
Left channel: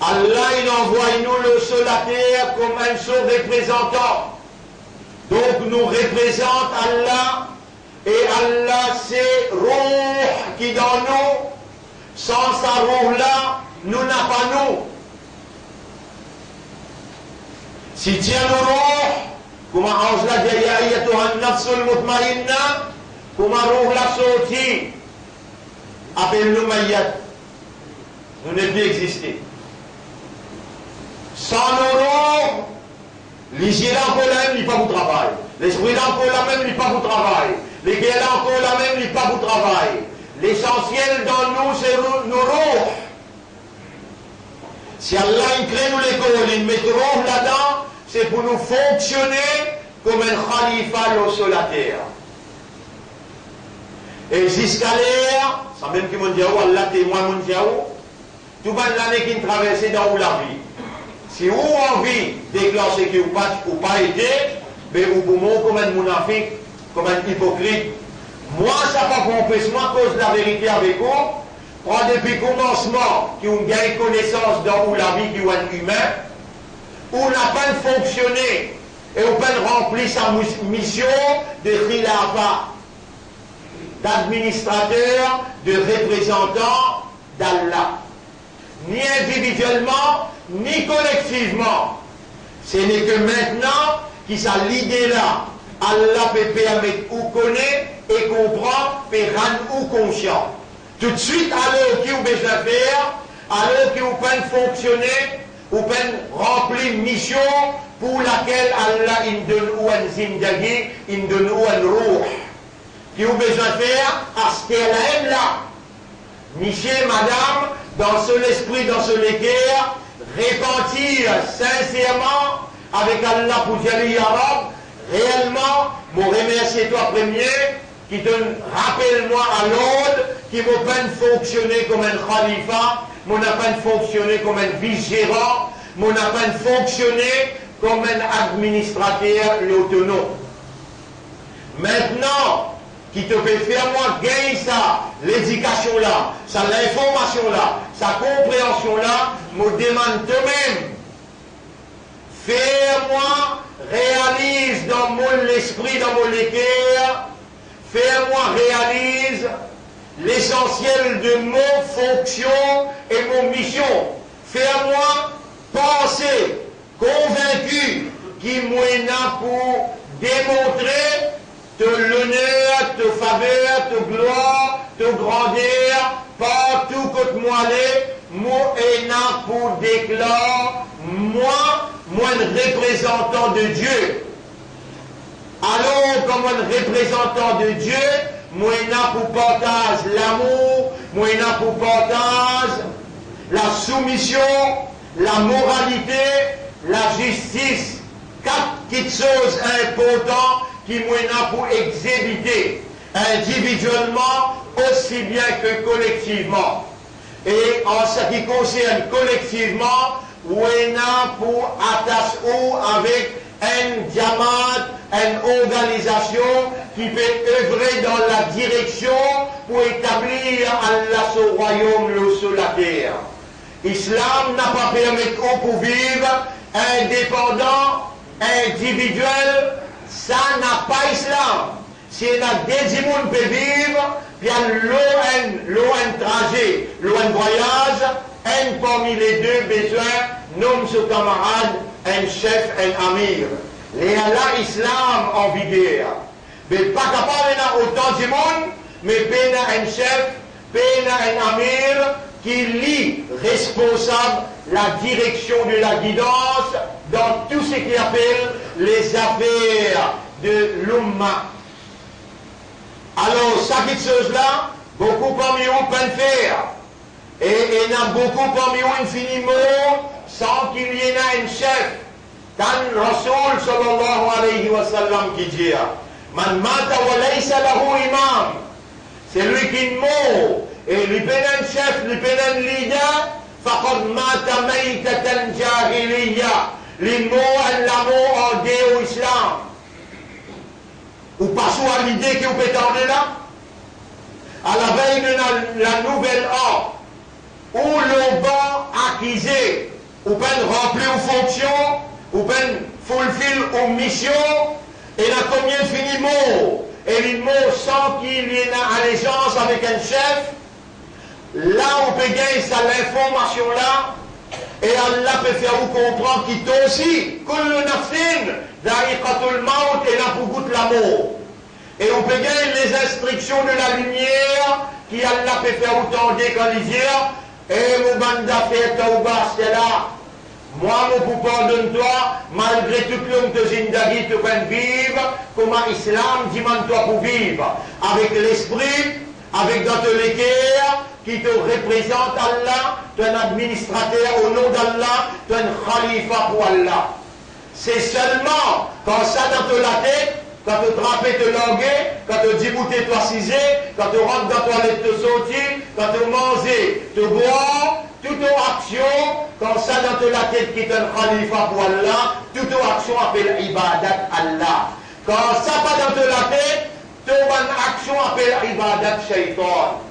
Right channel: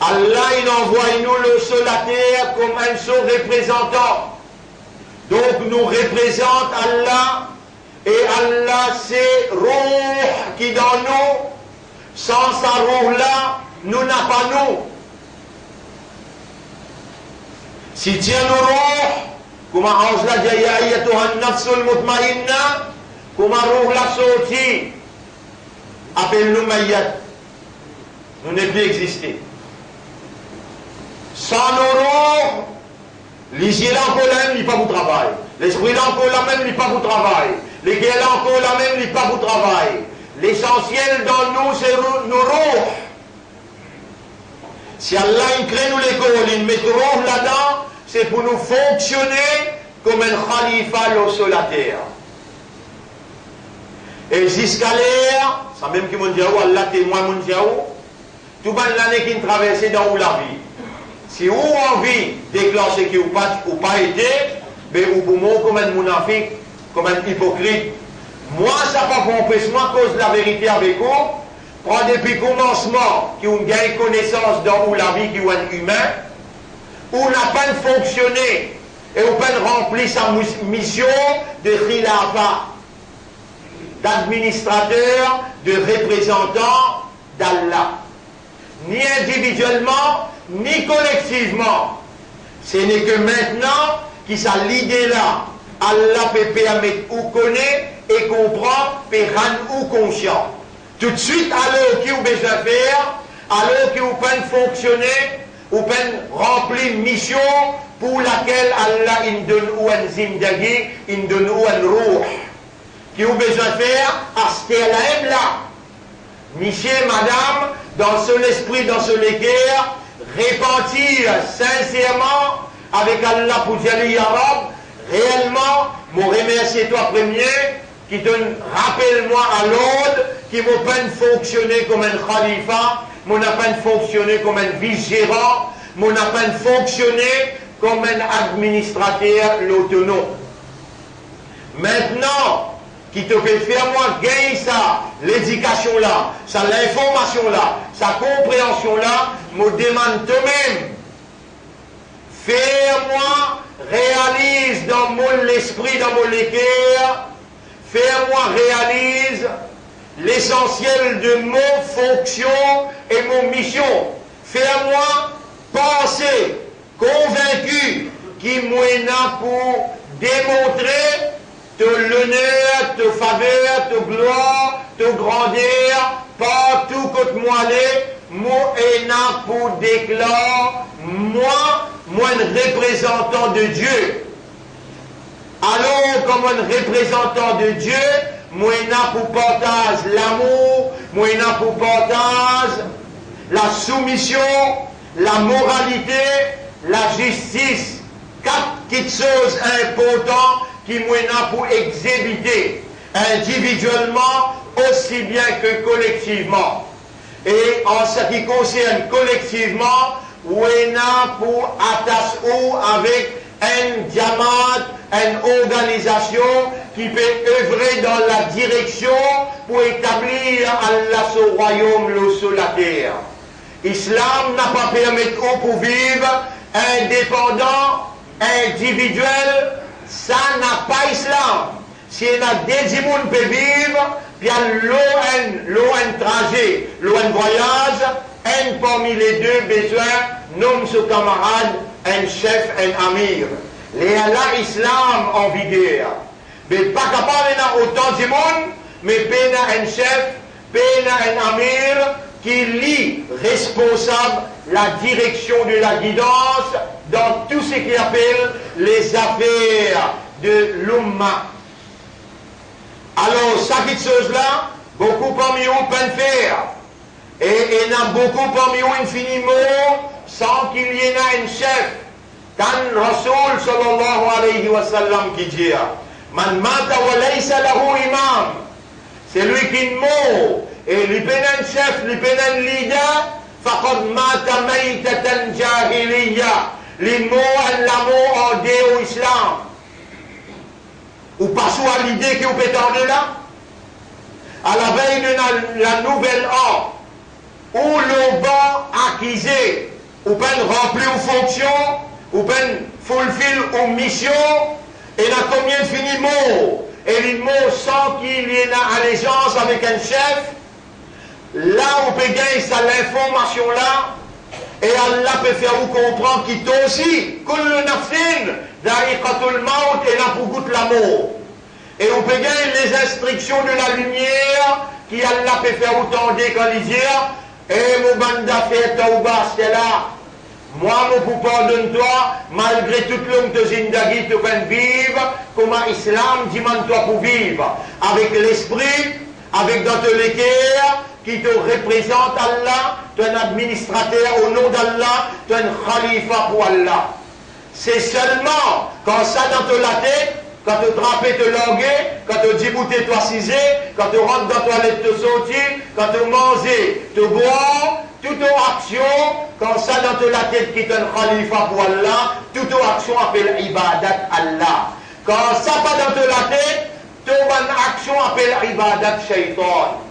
Allah il envoie nous le sur la terre comme un seul représentant. Donc nous représente Allah, et Allah c'est Ruh qui dans nous. Sans sa Ruh là, nous n'a pas nous. Si tiens nous Ruh, comme ange l'a dit, ya ayyatuhan nafsul mutmainna, comme Ruh l'a sorti, appelle-nous Mayyat. Nous ne plus exister. Sans nos Ruh, les là encore la même, il pas vous travail. L'esprit là encore la même, il pas vous travail. Les guerres là encore la même, il pas vous travail. L'essentiel dans nous, c'est nos Ruh. Si Allah crée nous l'école, il met Ruh là-dedans, c'est pour nous fonctionner comme un khalifa sur la terre. Et jusqu'à l'ère, ça même qui m'ont dit, Allah témoin m'ont dit, tout le monde l'année qui traverse dans la vie. Si vous avez envie de déclencher que vous pas été, mais vous pouvez comme un monafique, comme un hypocrite. Moi, ça n'a pas compris, moi, cause de la vérité avec vous. Prends depuis le commencement, qui ont gagné connaissance dans la vie qui est un humain, où n'a pas fonctionné, et où pas rempli sa mission de khilafa, d'administrateur, de représentant d'Allah. Ni individuellement, ni collectivement. Ce n'est que maintenant qu'il a l'idée là. Allah peut permettre ou connaît et comprend, peut rendre ou conscient. Tout de suite, alors qu'il vous besoin faire, alors qu'il vous peine fonctionner, ou peine remplir une mission pour laquelle Allah il donne ou un zindagi, il donne ou un ruh. Qui vous besoin faire, à ce qu'elle là. Monsieur, madame, dans son esprit, dans son équerre, repentir sincèrement avec Allah pour dire ya Rab, réellement, je remercie toi premier, qui te rappelle-moi à l'ordre, qui m'a pas fonctionné comme un khalifa, m'a pas fonctionné comme un vice-gérant, m'a pas fonctionné comme un administrateur autonome. Maintenant, qui te fait faire moi gagner ça, l'éducation là, ça l'information là, sa compréhension là, me demande toi-même, fais-moi, réalise dans mon esprit, dans mon équerre, fais-moi réalise l'essentiel de mon fonction et mon mission. Fais-moi penser, convaincu, qui m'en pour démontrer te l'honneur, te faveur, te gloire, te grandeur, partout que moi moi pour déclarer, moi un représentant de Dieu. Alors, comme un représentant de Dieu, moi pour partage l'amour, moi pour partage la soumission, la moralité, la justice, quatre petites choses importantes qui moi pour exhibiter individuellement aussi bien que collectivement. et en ce qui concerne collectivement, on a pour attacher avec une diamant, une organisation qui peut œuvrer dans la direction pour établir Allah ce royaume sur la terre. L'islam n'a pas permis pour vivre indépendant, individuel, ça n'a pas Islam. Si on a des gens qui peuvent vivre, il y a l'eau un trajet, l'eau un voyage, un parmi les deux besoins, nomme ce camarade, un chef, un amir. Les Allah Islam en vigueur. Mais pas capable d'en autant de monde, mais ben un chef, ben un amir qui lit responsable la direction de la guidance dans tout ce qu'il appelle les affaires de l'Umma. Alors, ça qui chose-là, beaucoup parmi eux peuvent faire. Et il y en a beaucoup parmi eux infiniment sans qu'il y ait un chef. Quand Rasoul sallallahu alayhi wa sallam qui dit Man mata wa laysa lahu imam. C'est lui qui meurt. Et lui peine un chef, lui peine un leader. Faqad mata maytatan jahiliya. Les mots et l'amour en Dieu au islam. Ou passons à l'idée que vous pétez en là. À la veille de la nouvelle ère, où l'on va acquiser, ou bien remplir aux fonctions, ou bien fulfill aux missions, et là combien finit mot, et les mots sans qu'il y ait une allégeance avec un chef, là on peut gagner ça l'information là, et Allah peut faire vous comprendre qu'il t'a aussi, kullu nafsin, da'iqatul maut, et là pour goûter l'amour. Et on peut gagner les instructions de la lumière, qui Allah peut faire vous tendre quand il dit, et mon banda fait tauba, c'est là. Moi, mon coup pardonne-toi, malgré toute l'homme de Zindagi, tu peux vivre, comme l'islam demande-toi pour vivre. Avec l'esprit, avec dans le cœur, qui te représente Allah, tu es un administrateur au nom d'Allah, tu es un khalifa pour Allah. C'est seulement quand ça dans la tête, quand tu trappes te languer, quand tu déboutais toi cisé, quand tu rentres dans la toilette te sortir, quand tu manges, te bois, toute action, quand ça dans la tête qui est un khalifa pour Allah, toute action appelle ibadat Allah. Quand ça pas dans la tête, toute action appelle ibadat shaitan.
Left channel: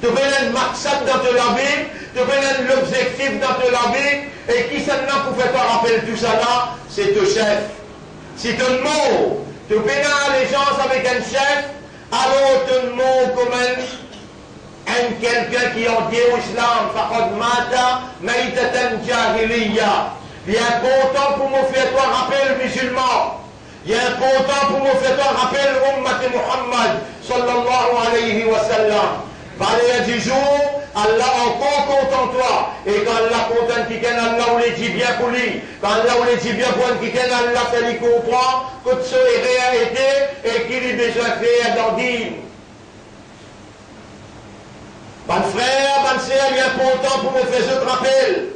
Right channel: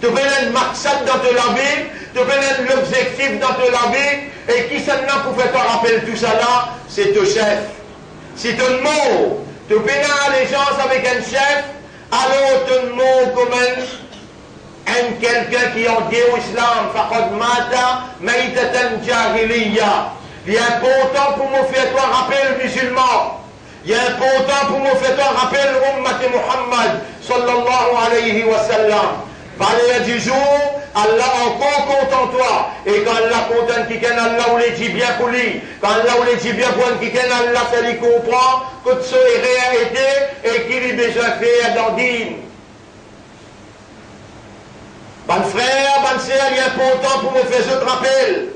Tu veux un maqsad dans la vie, tu veux l'objectif dans la vie, et qui s'en a pour faire te rappeler tout ça là, c'est ton chef. Si tu mot, tu fais une allégeance avec un chef, alors tu mot comme quelqu'un qui en dit au islam, faqad mata maytatan jahiliya. Il est important pour me faire toi rappel musulman. Il est important pour me faire toi rappel ummat Muhammad sallallahu alayhi wa sallam. Par du jour, Allah encore content toi. Et quand Allah content qui ken Allah ou les dit bien pour lui. Quand Allah ou les dit bien pour qui ken Allah ça lui comprend que ce est réalité et qu'il est besoin de faire dans dîme. Ban frère, ban sœur, il est important pour me faire ce rappel.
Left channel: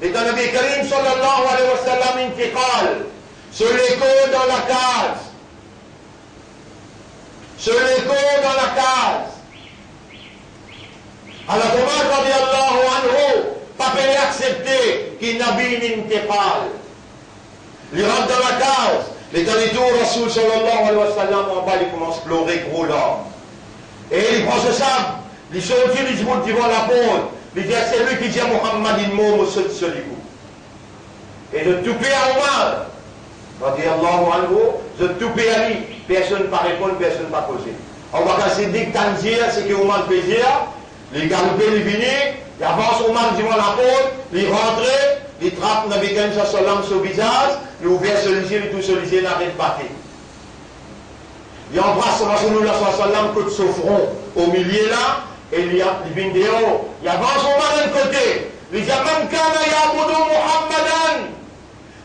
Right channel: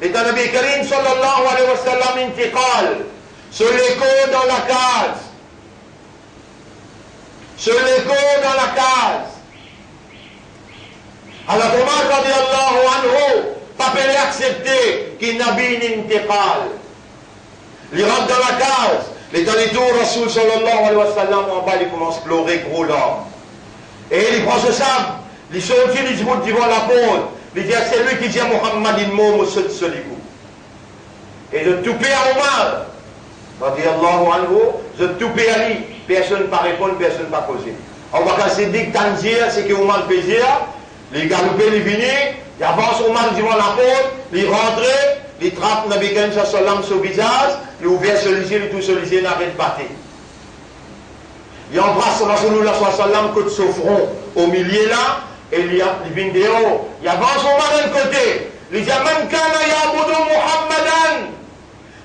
Et dans le Nabi Karim sallallahu alayhi wa sallam intiqal. Sur l'écho dans la case. Sur l'écho dans la case. Alors Omar radiallahu anhu, pas peut accepter qu'il n'a pas d'intiqal. Il rentre dans la case. Les derniers tours, Rasoul sallallahu alayhi wa sallam, en bas, il commence à pleurer gros larmes. Et il prend ce sable, il sortit, il dit devant la porte. Il dit, c'est lui qui dit à Muhammad, il mot, monsieur de Soligou. Et de tout payer à Omar, radiallahu anhu, de tout payer à lui. Personne ne va répondre, personne ne va poser. On va casser dit que c'est que Omar peut dire. Les galopés, les venus, ils avancent au mal devant la porte, ils rentrent, ils trappent Nabi Karim sallam sur le visage, ils ouvrent celui-ci, ils tout celui-ci, ils n'arrêtent pas. Ils embrassent Rasulullah sallam côté son front, au milieu là, et ils viennent dehors, ils avancent au mal d'un côté, ils disent Man kana ya'budu Muhammadan,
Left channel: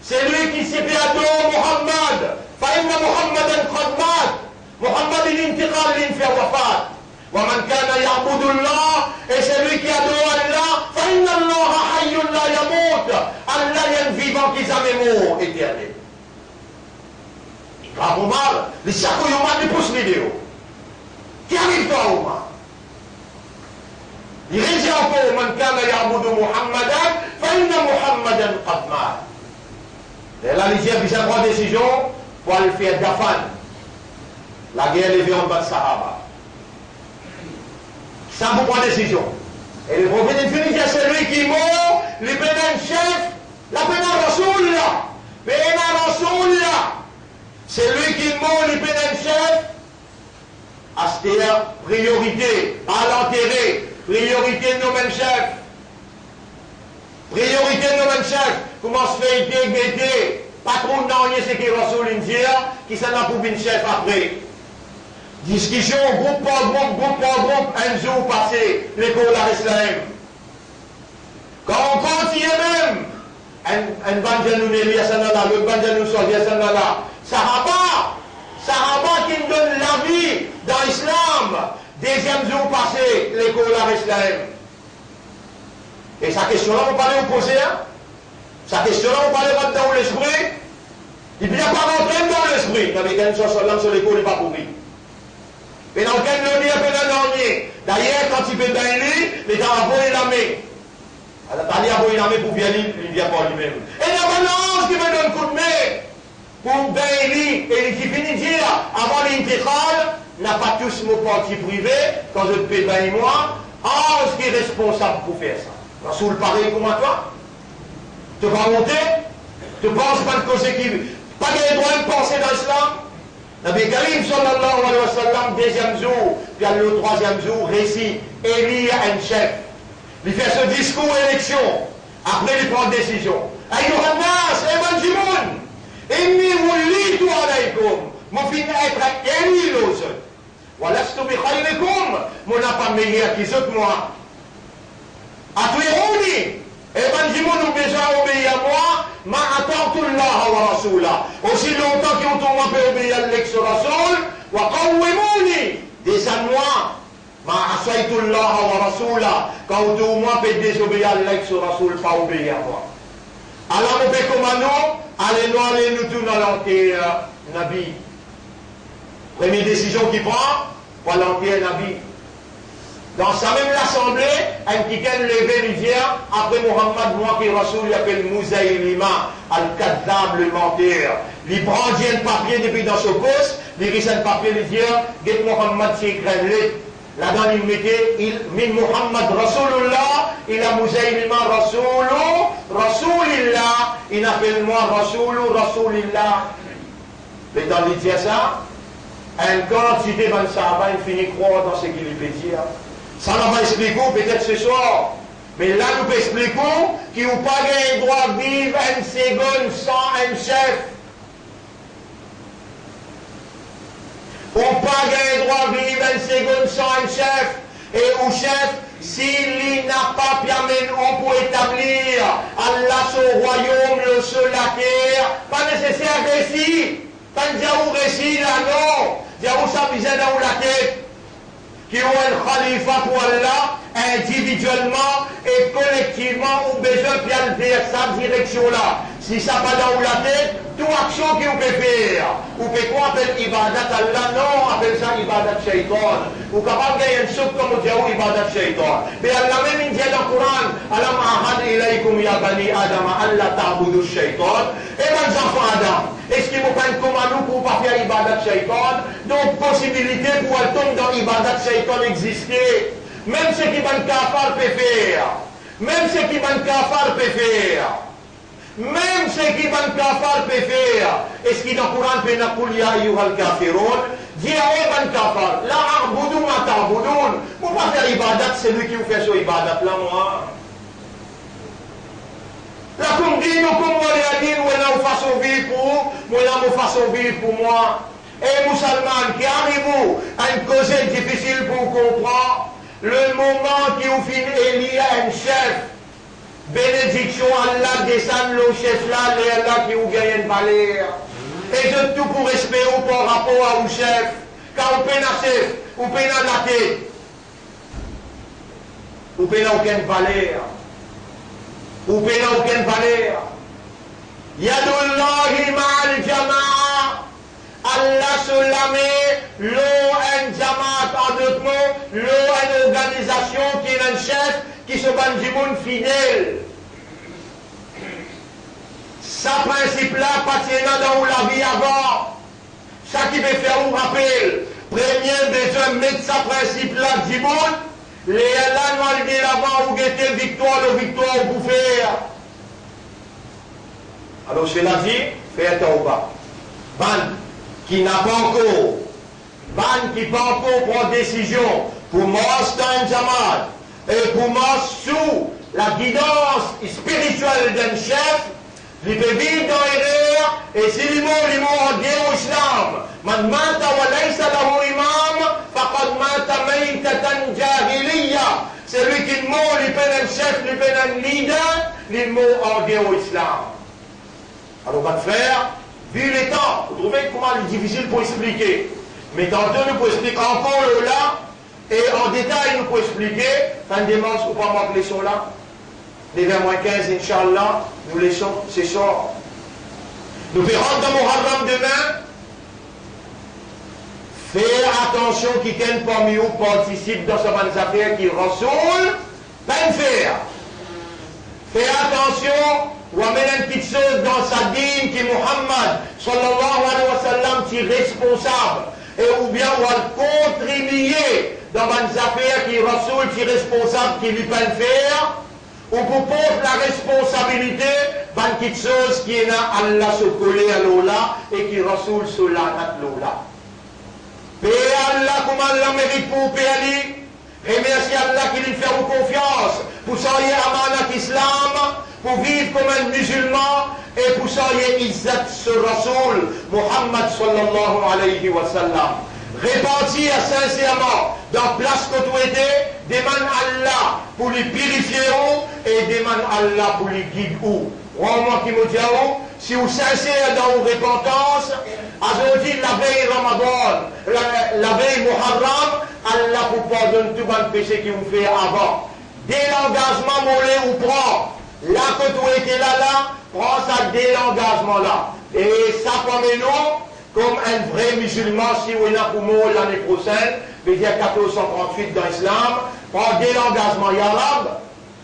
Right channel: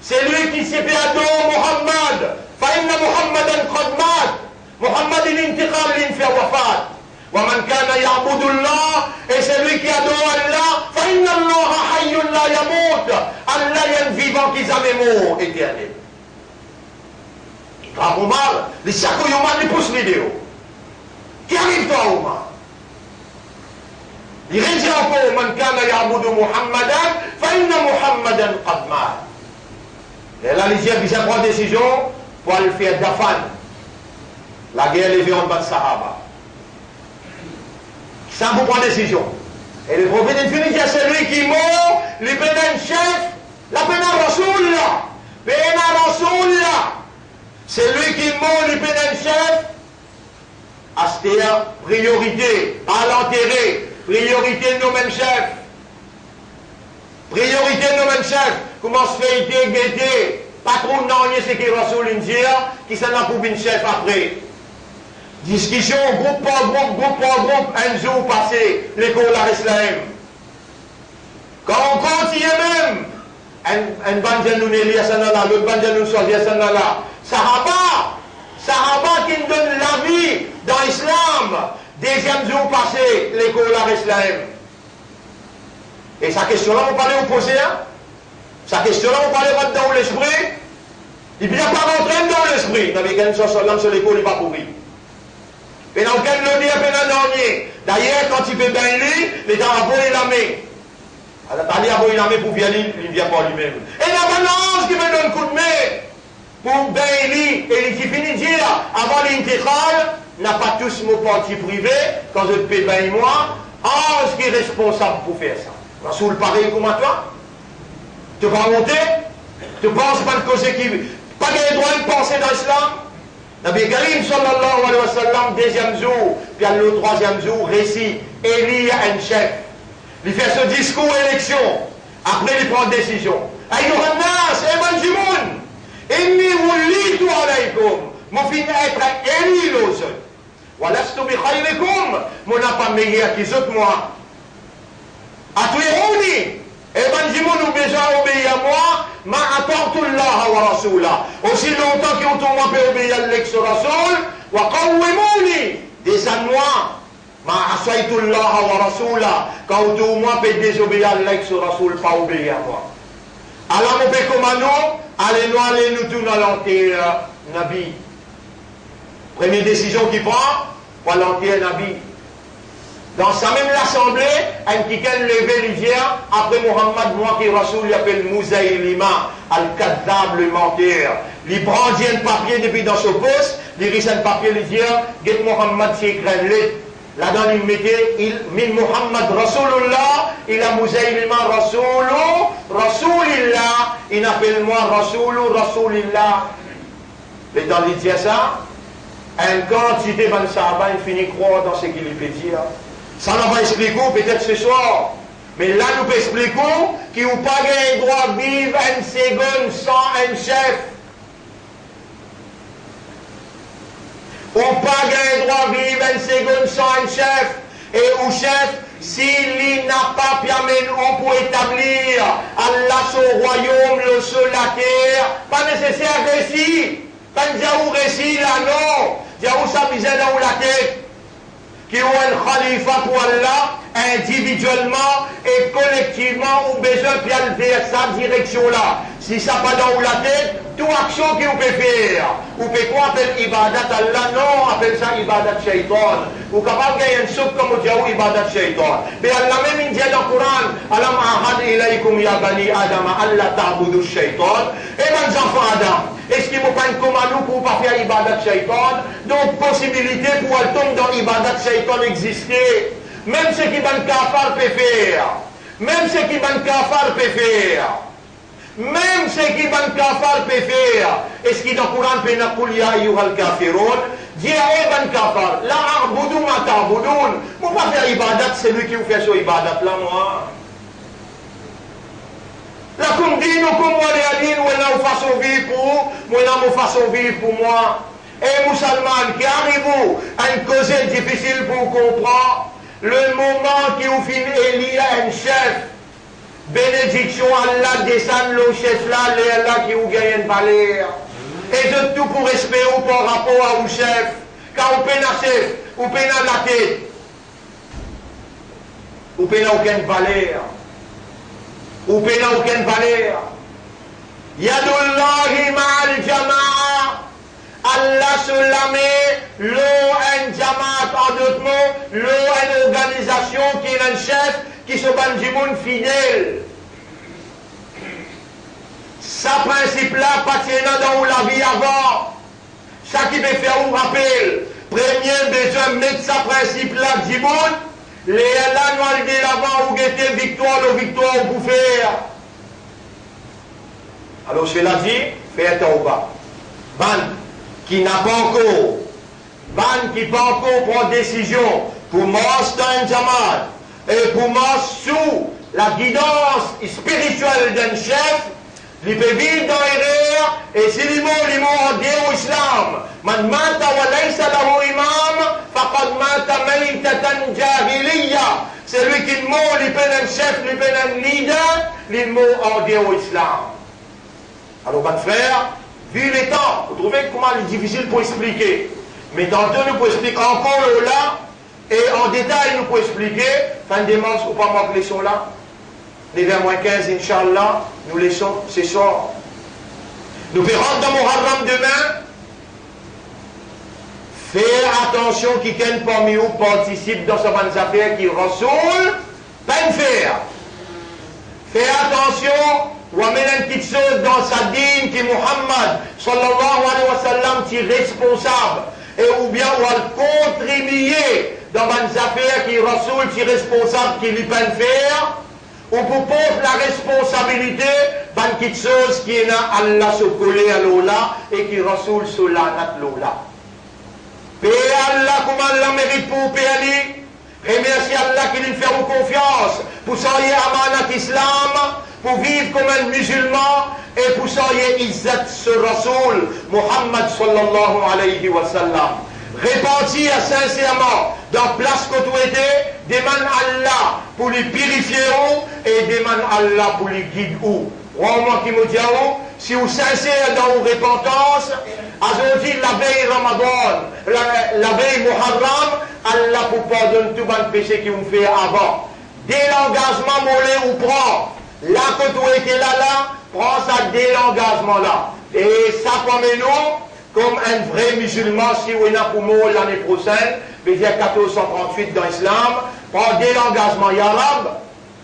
c'est lui qui s'est fait adorer Muhammad, fa inna Muhammadan qad mat, Muhammad il intiqal, il fait wafat. ومن كان يعبد الله et celui qui adore Allah فإن الله حي لا يموت Allah est un vivant qui jamais mort éternel. Grave Omar, les chaque Omar les pousse vidéo. Qui arrive toi Omar? Il dit encore, man kana ya'budu Muhammadan, fa inna Muhammadan qad mat. Et là, l'Égypte, il prend une décision pour aller faire Dafan. La guerre levée en bas de Sahaba. Ça vous prend une décision. Et le prophète infini, c'est celui qui mord, le pénal chef, la pénal Rasoul. Pénal Rasoul. C'est lui qui mord le pénal chef. Astéa, priorité, à l'enterrer. Priorité de nos mêmes chefs. Priorité de nos mêmes chefs. Comment se fait guetter, patron non, c'est qui Rasoul India, qui s'en a pour une chef après. Discussion, groupe par groupe, un jour passé, l'école à l'Islam. Quand on continue même, un banjan nous n'est lié à Sanala, l'autre banjan nous sort à Sanala. Sahaba qui nous donne la vie dans l'islam. Deuxième jour passé, l'école à l'Islam. Et sa question-là, vous parlez opposé, hein? Sa question-là, vous parlez pas dans l'esprit. Il ne vient pas rentrer dans l'esprit. Nabi Karim sallam sur l'école, il n'est pas pourri. Et dans lequel le dit à peine dernier. D'ailleurs, quand il fait bien lui, les gens ont volé la main. Alors, t'as dit à voler la main pour venir, il ne vient pas lui-même. Et il y a un ange qui me donne un coup de main. Pour bien lui, et il finit de dire, avant l'intégral, n'a pas tous mon parti privé, quand je te paie bien moi, ange qui est responsable pour faire ça. Rasoul pareil comme à toi. Tu vas monter, tu penses pas de cause qui. Pas de droit de penser dans l'islam. Nabi Karim sallallahu alayhi wa sallam, deuxième jour, puis le troisième jour, récit, Élie un chef. Il fait ce discours élection. Après, il prend décision. Ayyuhan nas, eman jimoun, inni wullitu alaykum, mon fin être élu l'os. Walastu bi khayrikum, mon n'a pas meilleur qu'ils autres moi. Atuiruni. Et ben, dis-moi, nous besoin d'obéir à moi, ma ata'tullah wa rasulah. Aussi longtemps qu'ils ont peut obéir à l'ex-rasoul, wa qawwimuni. Descends-moi, ma asaytullah wa rasulah. Quand vous moi peut désobéir à l'ex-rasoul, pas obéir à moi. Alors, mon père commandant, allez-nous tout dans l'enterre, Nabi. Première décision qu'il prend, pour l'enterre, Nabi. Dans sa même assemblée, un qui a levé l'hiver, après Muhammad, moi qui Rasoul, il appelle Mouzaïlima, Al-Kadhab, le menteur. Il prend un papier depuis dans son poste, il rit un papier, il dit, get Muhammad, c'est écrit là-dedans, il mettait, min Muhammad Rasoulullah, il a Mouzaïlima Rasoulillah, il appelle moi Rasoulillah. Mais dans il dit ça, une quantité de Sahaba, il finit croire dans ce qu'il fait dire. Ça n'a pas expliqué, peut-être ce soir. Mais là, nous pouvons expliquer qu'il n'y a pas le droit de vivre une seconde sans un chef. On n'a pas le droit de vivre une seconde sans un chef. Et au chef, s'il n'a pas permis pour établir Allah son royaume, le sol, la terre, pas nécessaire récit. Pas de récit là, non. Diaou ça misère dans la tête. Qui ont un khalifa pour Allah, individuellement et collectivement, ou besoin de faire sa direction-là. Si ça pas dans la tête, toute action que vous pouvez faire. Vous pouvez quoi appeler ibadat Allah? Non, appelle ça ibadat shaitan. Vous capable de gagner un soupe comme vous dites ibadat shaitan. Mais Allah même il dit dans le Coran, Alam ahad ilaykum ya bani Adam, Allah ta'budu shaitan. Et mes enfants Adam, est-ce qu'il vous prend comme à nous pour ne pas faire ibadat shaitan? Donc, possibilité pour elle tomber dans ibadat shaitan exister. Même ce qui van kafar peut faire. Même ce qui van kafar peut faire. Même ce qui van kafar peut faire. Est-ce qu'il dans le Coran peut n'appeler ya ayyuhal kafirun? Dis à van kafar. La arboudou ma ta'boudoun. Pour pas faire ibadat, c'est lui qui vous fait ce ibadat là, moi. La comme dit, nous comme moi, les adines, nous façon vivre pour vous, nous façon vivre pour moi. Et musulmans qui arrivent à une cause difficile pour comprendre, le moment qui vous finit élit un chef, bénédiction Allah descend le chef là, et Allah qui vous gagne une valeur. Et de tout pour respect par rapport à vous chef, car vous peinez un chef, vous peinez la tête, vous peinez aucune valeur. Vous peinez aucune valeur. Yadullahi ma'al jama'a. Allah se la met, l'eau en jamaat en d'autres mots, l'eau en organisation nation qui est un chef qui se ban du monde fidèle. Ça principe-là, pas dans la vie avant. Ça qui veut faire un rappel. Premier besoin de mettre ça principe-là du monde. Les là, nous allons dire avant où était victoire, le victoire au bouffer. Alors, cela dit, faites au bas. Ban qui n'a pas encore, ban qui n'a pas encore pris décision pour master un Jamal et pour marcher sous la guidance spirituelle d'un chef, il peut vivre dans l'erreur et si l'imam en Dieu au islam, man mata wa laysa lahu imam, faqad mata maytatan jahiliya. C'est lui qui meurt, il peut un chef, il peut un leader, il meurt en Dieu au islam. Alors, mon frère, vu les temps, vous trouvez comment il est difficile pour expliquer. Mais tantôt, nous pouvons expliquer encore là, et en détail, nous pouvons expliquer. Fin de dimanche, ou pas moi que laissons là. Les 20-15, Inch'Allah, nous laissons, c'est ça. Nous verrons dans Muharram demain. Faire attention qui quelqu'un parmi vous participe dans ce bonnes affaires qui ressoule, pas une faire. Faire attention. Ou amène une petite chose dans sa dîme qui Muhammad sallallahu alayhi wa sallam qui est responsable et ou bien ou à contribuer dans les affaires qui Rasoul qui est responsable qui lui peine faire ou pour porter la responsabilité d'une petite chose qui est là Allah se coller à l'Ola et qui Rasoul se la nat l'Ola. Paix Allah comme Allah mérite pour payer. Remercie Allah qui lui fait confiance pour soyez amanat islam, pour vivre comme un musulman et pour soyez izzat sur Rasoul Muhammad sallallahu alayhi wa sallam. Répentir sincèrement dans place que tu étais, demande Allah pour lui purifier et demande Allah pour lui guider où. Moi qui me dis si vous sincère dans vos repentance, aujourd'hui la veille Ramadan, la veille Muharram, Allah vous pardonne tout le péché que vous faites avant. Dès l'engagement, mollet ou prend. Là que tu étais là, prends ça dès l'engagement là. Et ça comme nous, comme un vrai musulman, si on a pour moi l'année prochaine, veut dire 1438 dans l'islam, prends dès l'engagement. Yarab,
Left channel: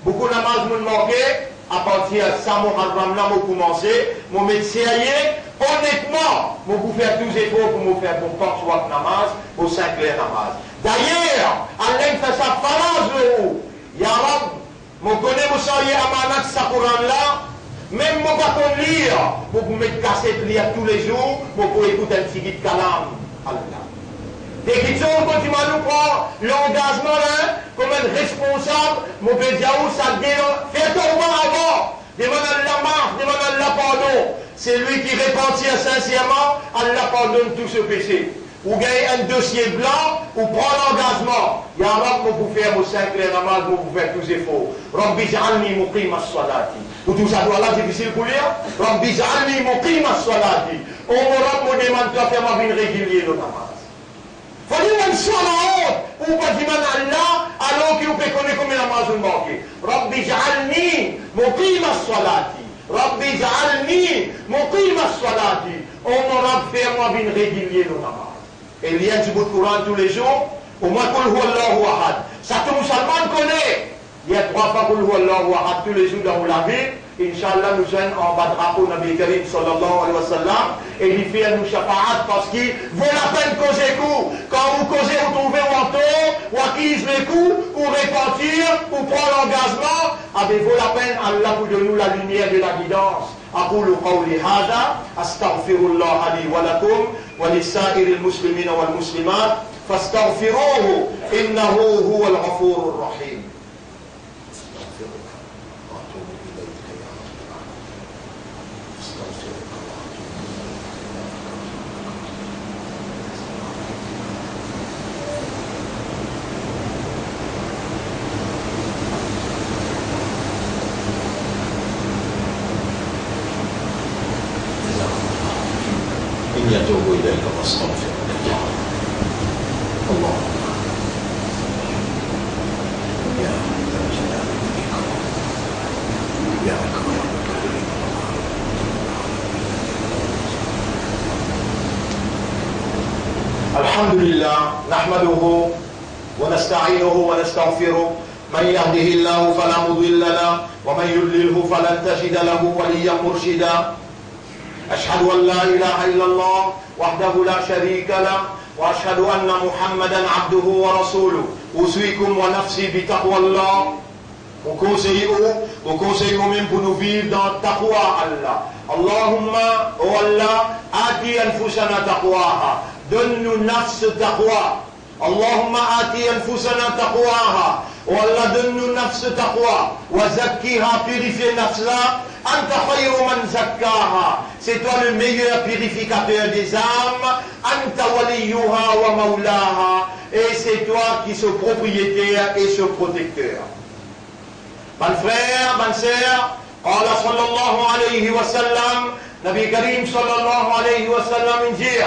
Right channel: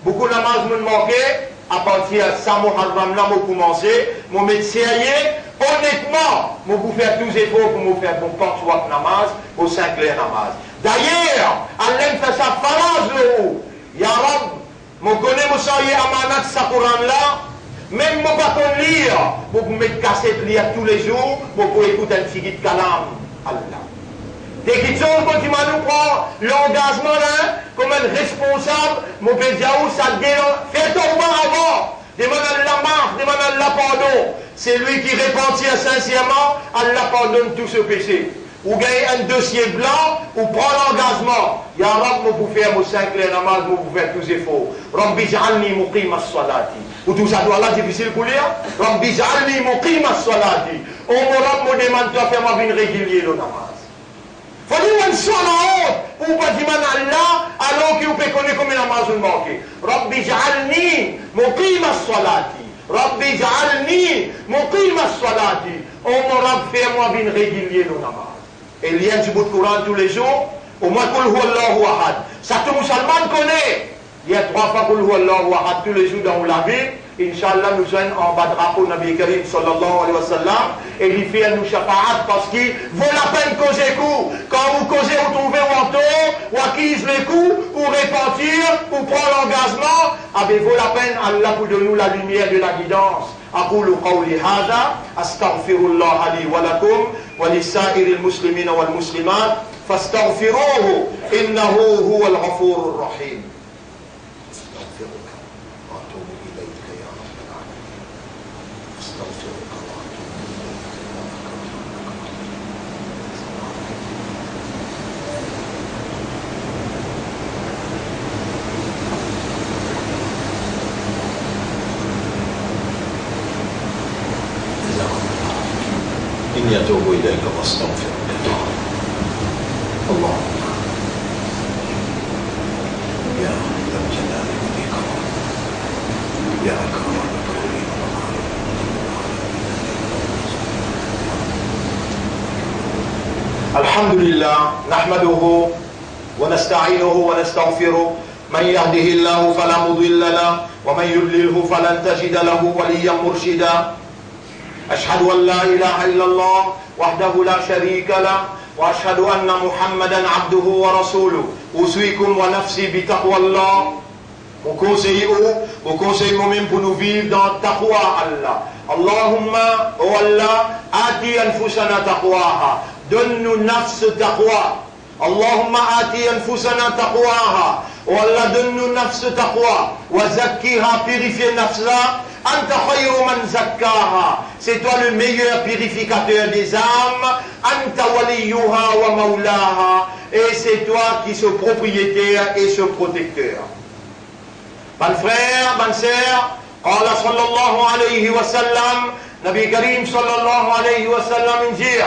beaucoup de namaz me manquaient, à partir de ça, Muharram là, je commencer, je me sérieux, honnêtement, je vais faire tous les efforts pour me faire pour porte soit namaz, pour 5 heures namaz. D'ailleurs, Allah fait sa phalange le haut. Yarab, je connais mon soyez amanat sa Coran là, même je ne pas lire, pour me mettre cassette lire tous les jours, pour écouter un petit guide kalam. Allah. Dès qu'ils sont, quand tu m'as nous prend l'engagement là, comme un responsable, mon pédiaou, ça dénonce. Fais ton bas avant. Demande à la marque, demande à la pardon. C'est lui qui repentit sincèrement, Allah pardonne tout ce péché. Ou gagnez un dossier blanc, ou prend l'engagement. Ya Rab, vous faire vos 5 les namaz, vous faire tous les efforts. Rabbi ja'alni muqim as-salati. Ou tout ça doit là difficile pour lire. Rabbi ja'alni muqim as-salati. On me demande de faire ma vie régulière le namaz. Il faut dire une seule honte pour pas dire Allah alors que vous pouvez connaître comme la namaz vous manquez. Rabbi ja'alni muqim as-salati. Rabbi ja'alni muqim as-salati. On me faire ma vie régulière le namaz. Et il y a du bout de Coran tous les jours, au moins Kul Hu Allahu Ahad. Ça tout musulman connaît. Il y a 3 fois Kul Hu Allahu Ahad tous les jours dans la vie. Inch'Allah, nous sommes en bas de drapeau Nabi Karim sallallahu alayhi wa sallam. Et il fait nous shafa'at parce qu'il vaut la peine causer coup. Quand vous causez, vous trouvez un tort, ou acquise les coups, ou repentir, ou prendre l'engagement, avez vaut la peine, Allah vous donne nous la lumière de la guidance. أقول قولي هذا أستغفر الله لي ولكم ولسائر المسلمين والمسلمات فاستغفروه إنه هو الغفور الرحيم. أستغفرك وأتوب إليك يا رب العالمين. أستغفرك إني أتوب إليك وأستغفرك اللهم يا ذا الجلال والإكرام يا أكرم الأكرمين الحمد لله نحمده ونستعينه ونستغفره من يهده الله فلا مضل له ومن يضلله فلن تجد له وليا مرشدا أشهد أن لا إله إلا الله وحده لا شريك له وأشهد أن محمدا عبده ورسوله أوصيكم ونفسي بتقوى الله. Mon conseil moi-même pour nous vivre dans taqwa Allah. Allahumma, oh Allah, ati anfusana taqwaha. Donne-nous nafs taqwa. Allahumma ati anfusana taqwaha. Oh Allah, donne-nous nafs taqwa. Wa zakkiha, purifier nafsa. Anta khayru man zakkaha. C'est toi le meilleur purificateur des âmes. Anta waliyuha wa maulaha. Et c'est toi qui es propriétaire et ce protecteur. Mes frères, mes sœurs, قال صلى الله عليه وسلم نبي كريم صلى الله عليه وسلم dit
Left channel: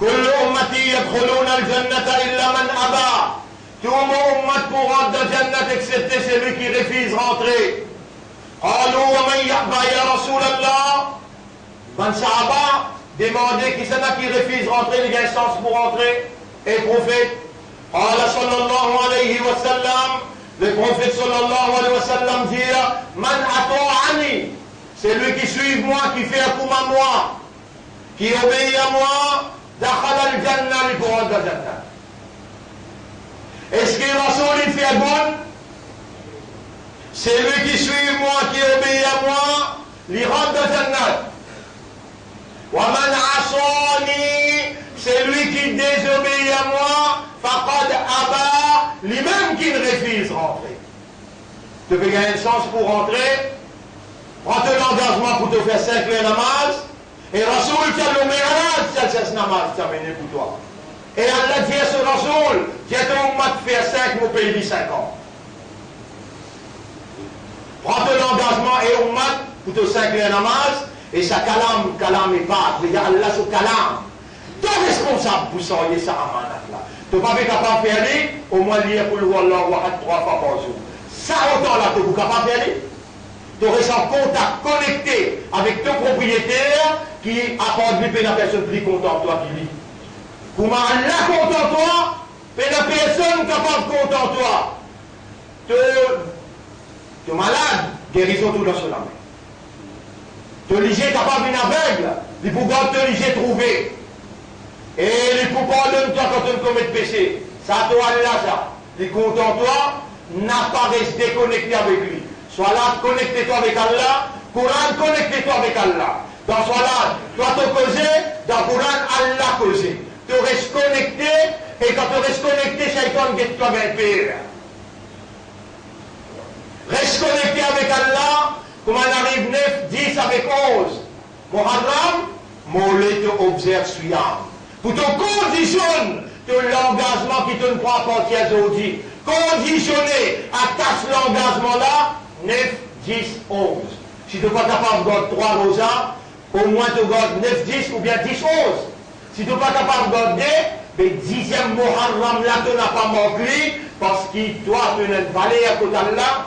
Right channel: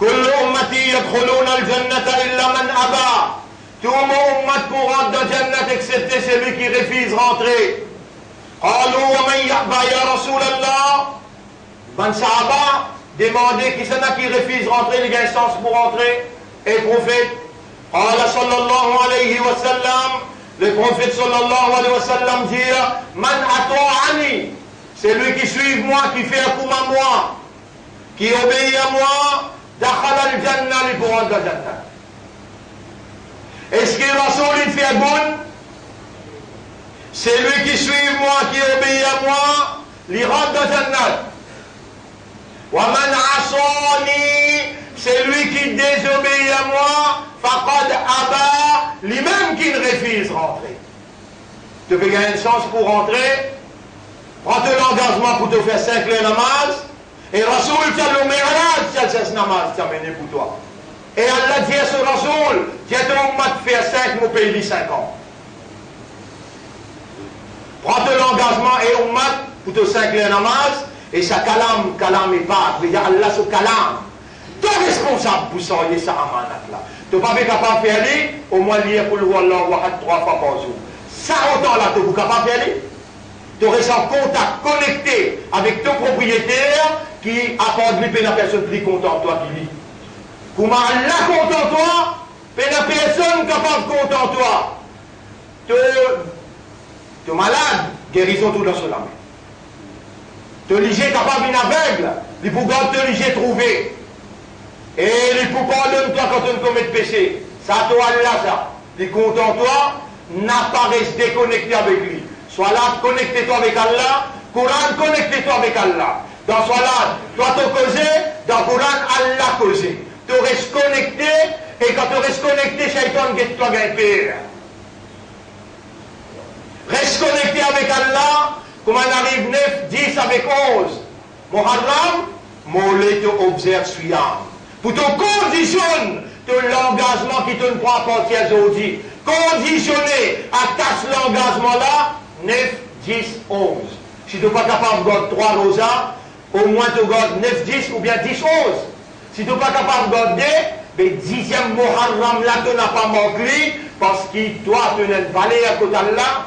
كل أمتي يدخلون الجنة إلا من أبى. Tout mon ummat pourra dans la Jannat excepté celui qui refuse rentrer. قالوا ومن يأبى يا رسول الله. Ben Sahaba demandait qui c'est qui refuse rentrer, les instances pour rentrer. Et prophète قال صلى الله عليه وسلم. Le prophète sallallahu alayhi wa sallam dit Man ato'ani, c'est lui qui suit moi, qui fait un coup à moi, qui obéit à moi, dakhala al-jannah, il pourra dans la jannah. Est-ce que Rasoul il fait un bon? C'est lui qui suit moi, qui obéit à moi, il rentre dans la jannah. Wa man asani, c'est lui qui désobéit à moi, faqad aba, lui-même qui refuse rentrer. Tu veux gagner une chance pour rentrer, prends l'engagement pour te faire 5 heures namaz, et Rasoul t'a le mérage, c'est namaz t'a mené pour toi. Et Allah dit à ce Rasoul, tiens ton mat faire 5, mon pays dit 5 ans. Prends l'engagement et on mat pour te 5 heures namaz, et ça kalam et pas, veut dire Allah se kalam. Tu es responsable pour soigner ça amanat là. Tu n'es pas capable de faire aller, au moins lire pour le Allah 3 fois par jour. Ça autant là, tu es capable de faire aller. Tu restes en contact, connecté avec ton propriétaire qui apporte lui la personne plus contente toi qui lit. Comment Allah content toi, mais la personne capable de content toi. Tu es malade, guérison tout dans cela. Tu es léger capable d'une aveugle, il faut te léger trouver. Et les pouvoirs de toi quand tu commets de péché, ça toi Allah ça. Les content toi, n'a pas resté déconnecté avec lui. Sois là, connecte-toi avec Allah, Coran, connecte-toi avec Allah. Dans sois là, toi te causer, dans Coran, Allah causer. Tu restes connecté, et quand tu restes connecté, Shaitan guette toi gagne pire. Reste connecté avec Allah, comme on arrive 9, 10 avec 11. Muharram, mollet te observe suyam. Pour te conditionner l'engagement qui te prend à partir d'aujourd'hui. Conditionner à casse l'engagement là, 9, 10, 11. Si tu n'es pas capable de garder 3 rosas, au moins tu gardes 9, 10 ou bien 10, 11. Si tu n'es pas capable de garder, le 10e Muharram là, tu n'as pas manqué, parce que toi, tu n'as pas valé à côté d'Allah,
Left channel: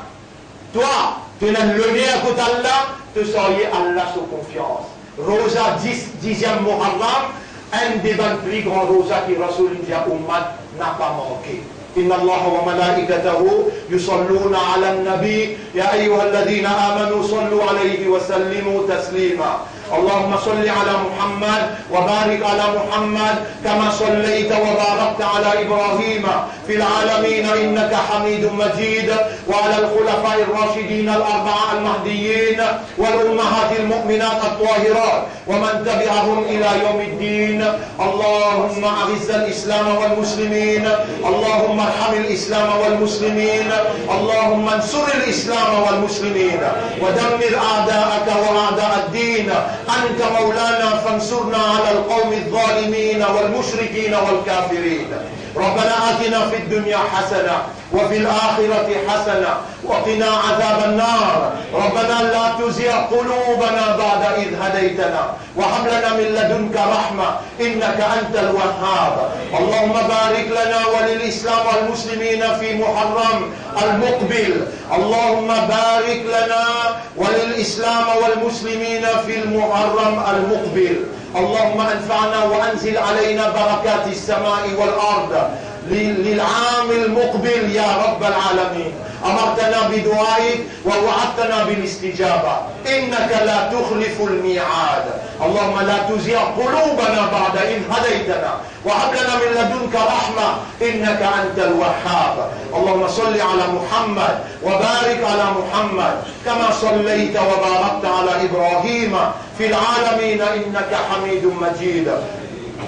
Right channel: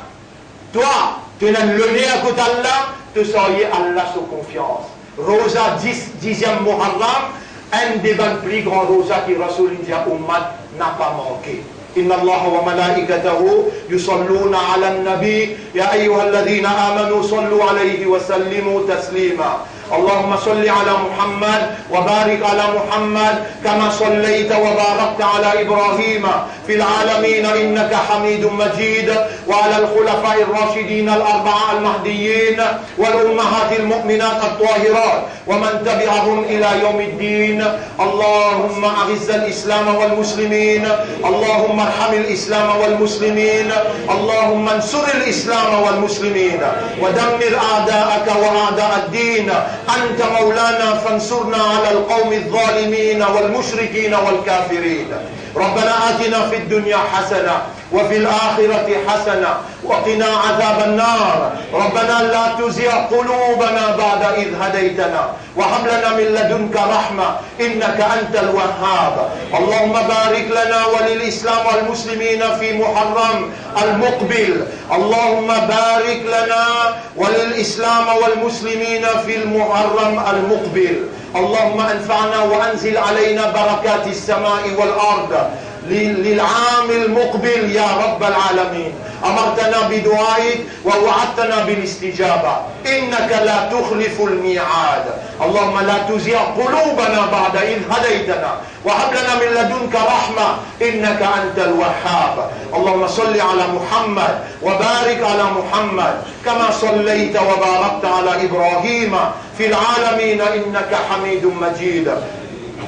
toi, tu n'as le nez à côté d'Allah, tu soyez Allah sous confiance. Rosa 10e Muharram, un des plus grands rosas qui Rasoul Ummat n'a pas manqué. إن الله وملائكته يصلون على النبي يا أيها الذين آمنوا صلوا عليه وسلموا تسليما اللهم صل على محمد وبارك على محمد كما صليت وباركت على إبراهيم في العالمين إنك حميد مجيد وعلى الخلفاء الراشدين الأربعة المهديين والأمهات المؤمنات الطاهرات ومن تبعهم إلى يوم الدين اللهم أعز الإسلام والمسلمين اللهم ارحم الإسلام والمسلمين اللهم انصر الإسلام والمسلمين ودمر أعداءك وأعداء الدين أنت مولانا فانصرنا على القوم الظالمين والمشركين والكافرين ربنا آتنا في الدنيا حسنة وفي الآخرة حسنة وقنا عذاب النار ربنا لا تزغ قلوبنا بعد إذ هديتنا وهب لنا من لدنك رحمة إنك أنت الوهاب اللهم بارك لنا وللإسلام والمسلمين في محرم المقبل اللهم بارك لنا وللإسلام والمسلمين في المحرم المقبل اللهم انفعنا وأنزل علينا بركات السماء والأرض للعام المقبل يا رب العالمين. أمرتنا بدعائك ووعدتنا بالاستجابة، إنك لا تخلف الميعاد. اللهم لا تزغ قلوبنا بعد إذ هديتنا وهب لنا من لدنك رحمة إنك أنت الوهاب. اللهم صل على محمد وبارك على محمد كما صليت وباركت على إبراهيم في العالمين إنك حميد مجيد.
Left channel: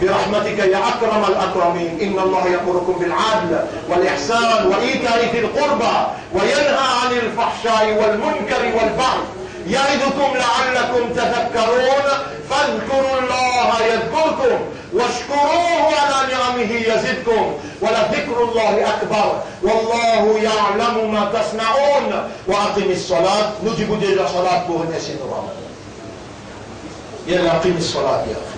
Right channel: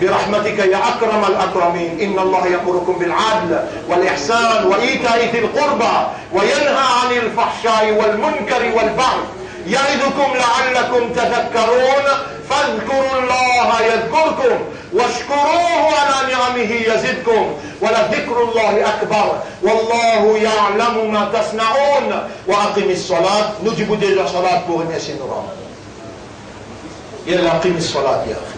برحمتك يا أكرم الأكرمين. إن الله يأمركم بالعدل والإحسان وإيتاء ذي القربى وينهى عن الفحشاء والمنكر والبغي يعظكم لعلكم تذكرون. فاذكروا الله يذكركم واشكروه على نعمه يزدكم ولذكر الله أكبر والله يعلم ما تصنعون. وأقم الصلاة. نجيب ديجا صلاة pour une يلا أقم الصلاة يا أخي.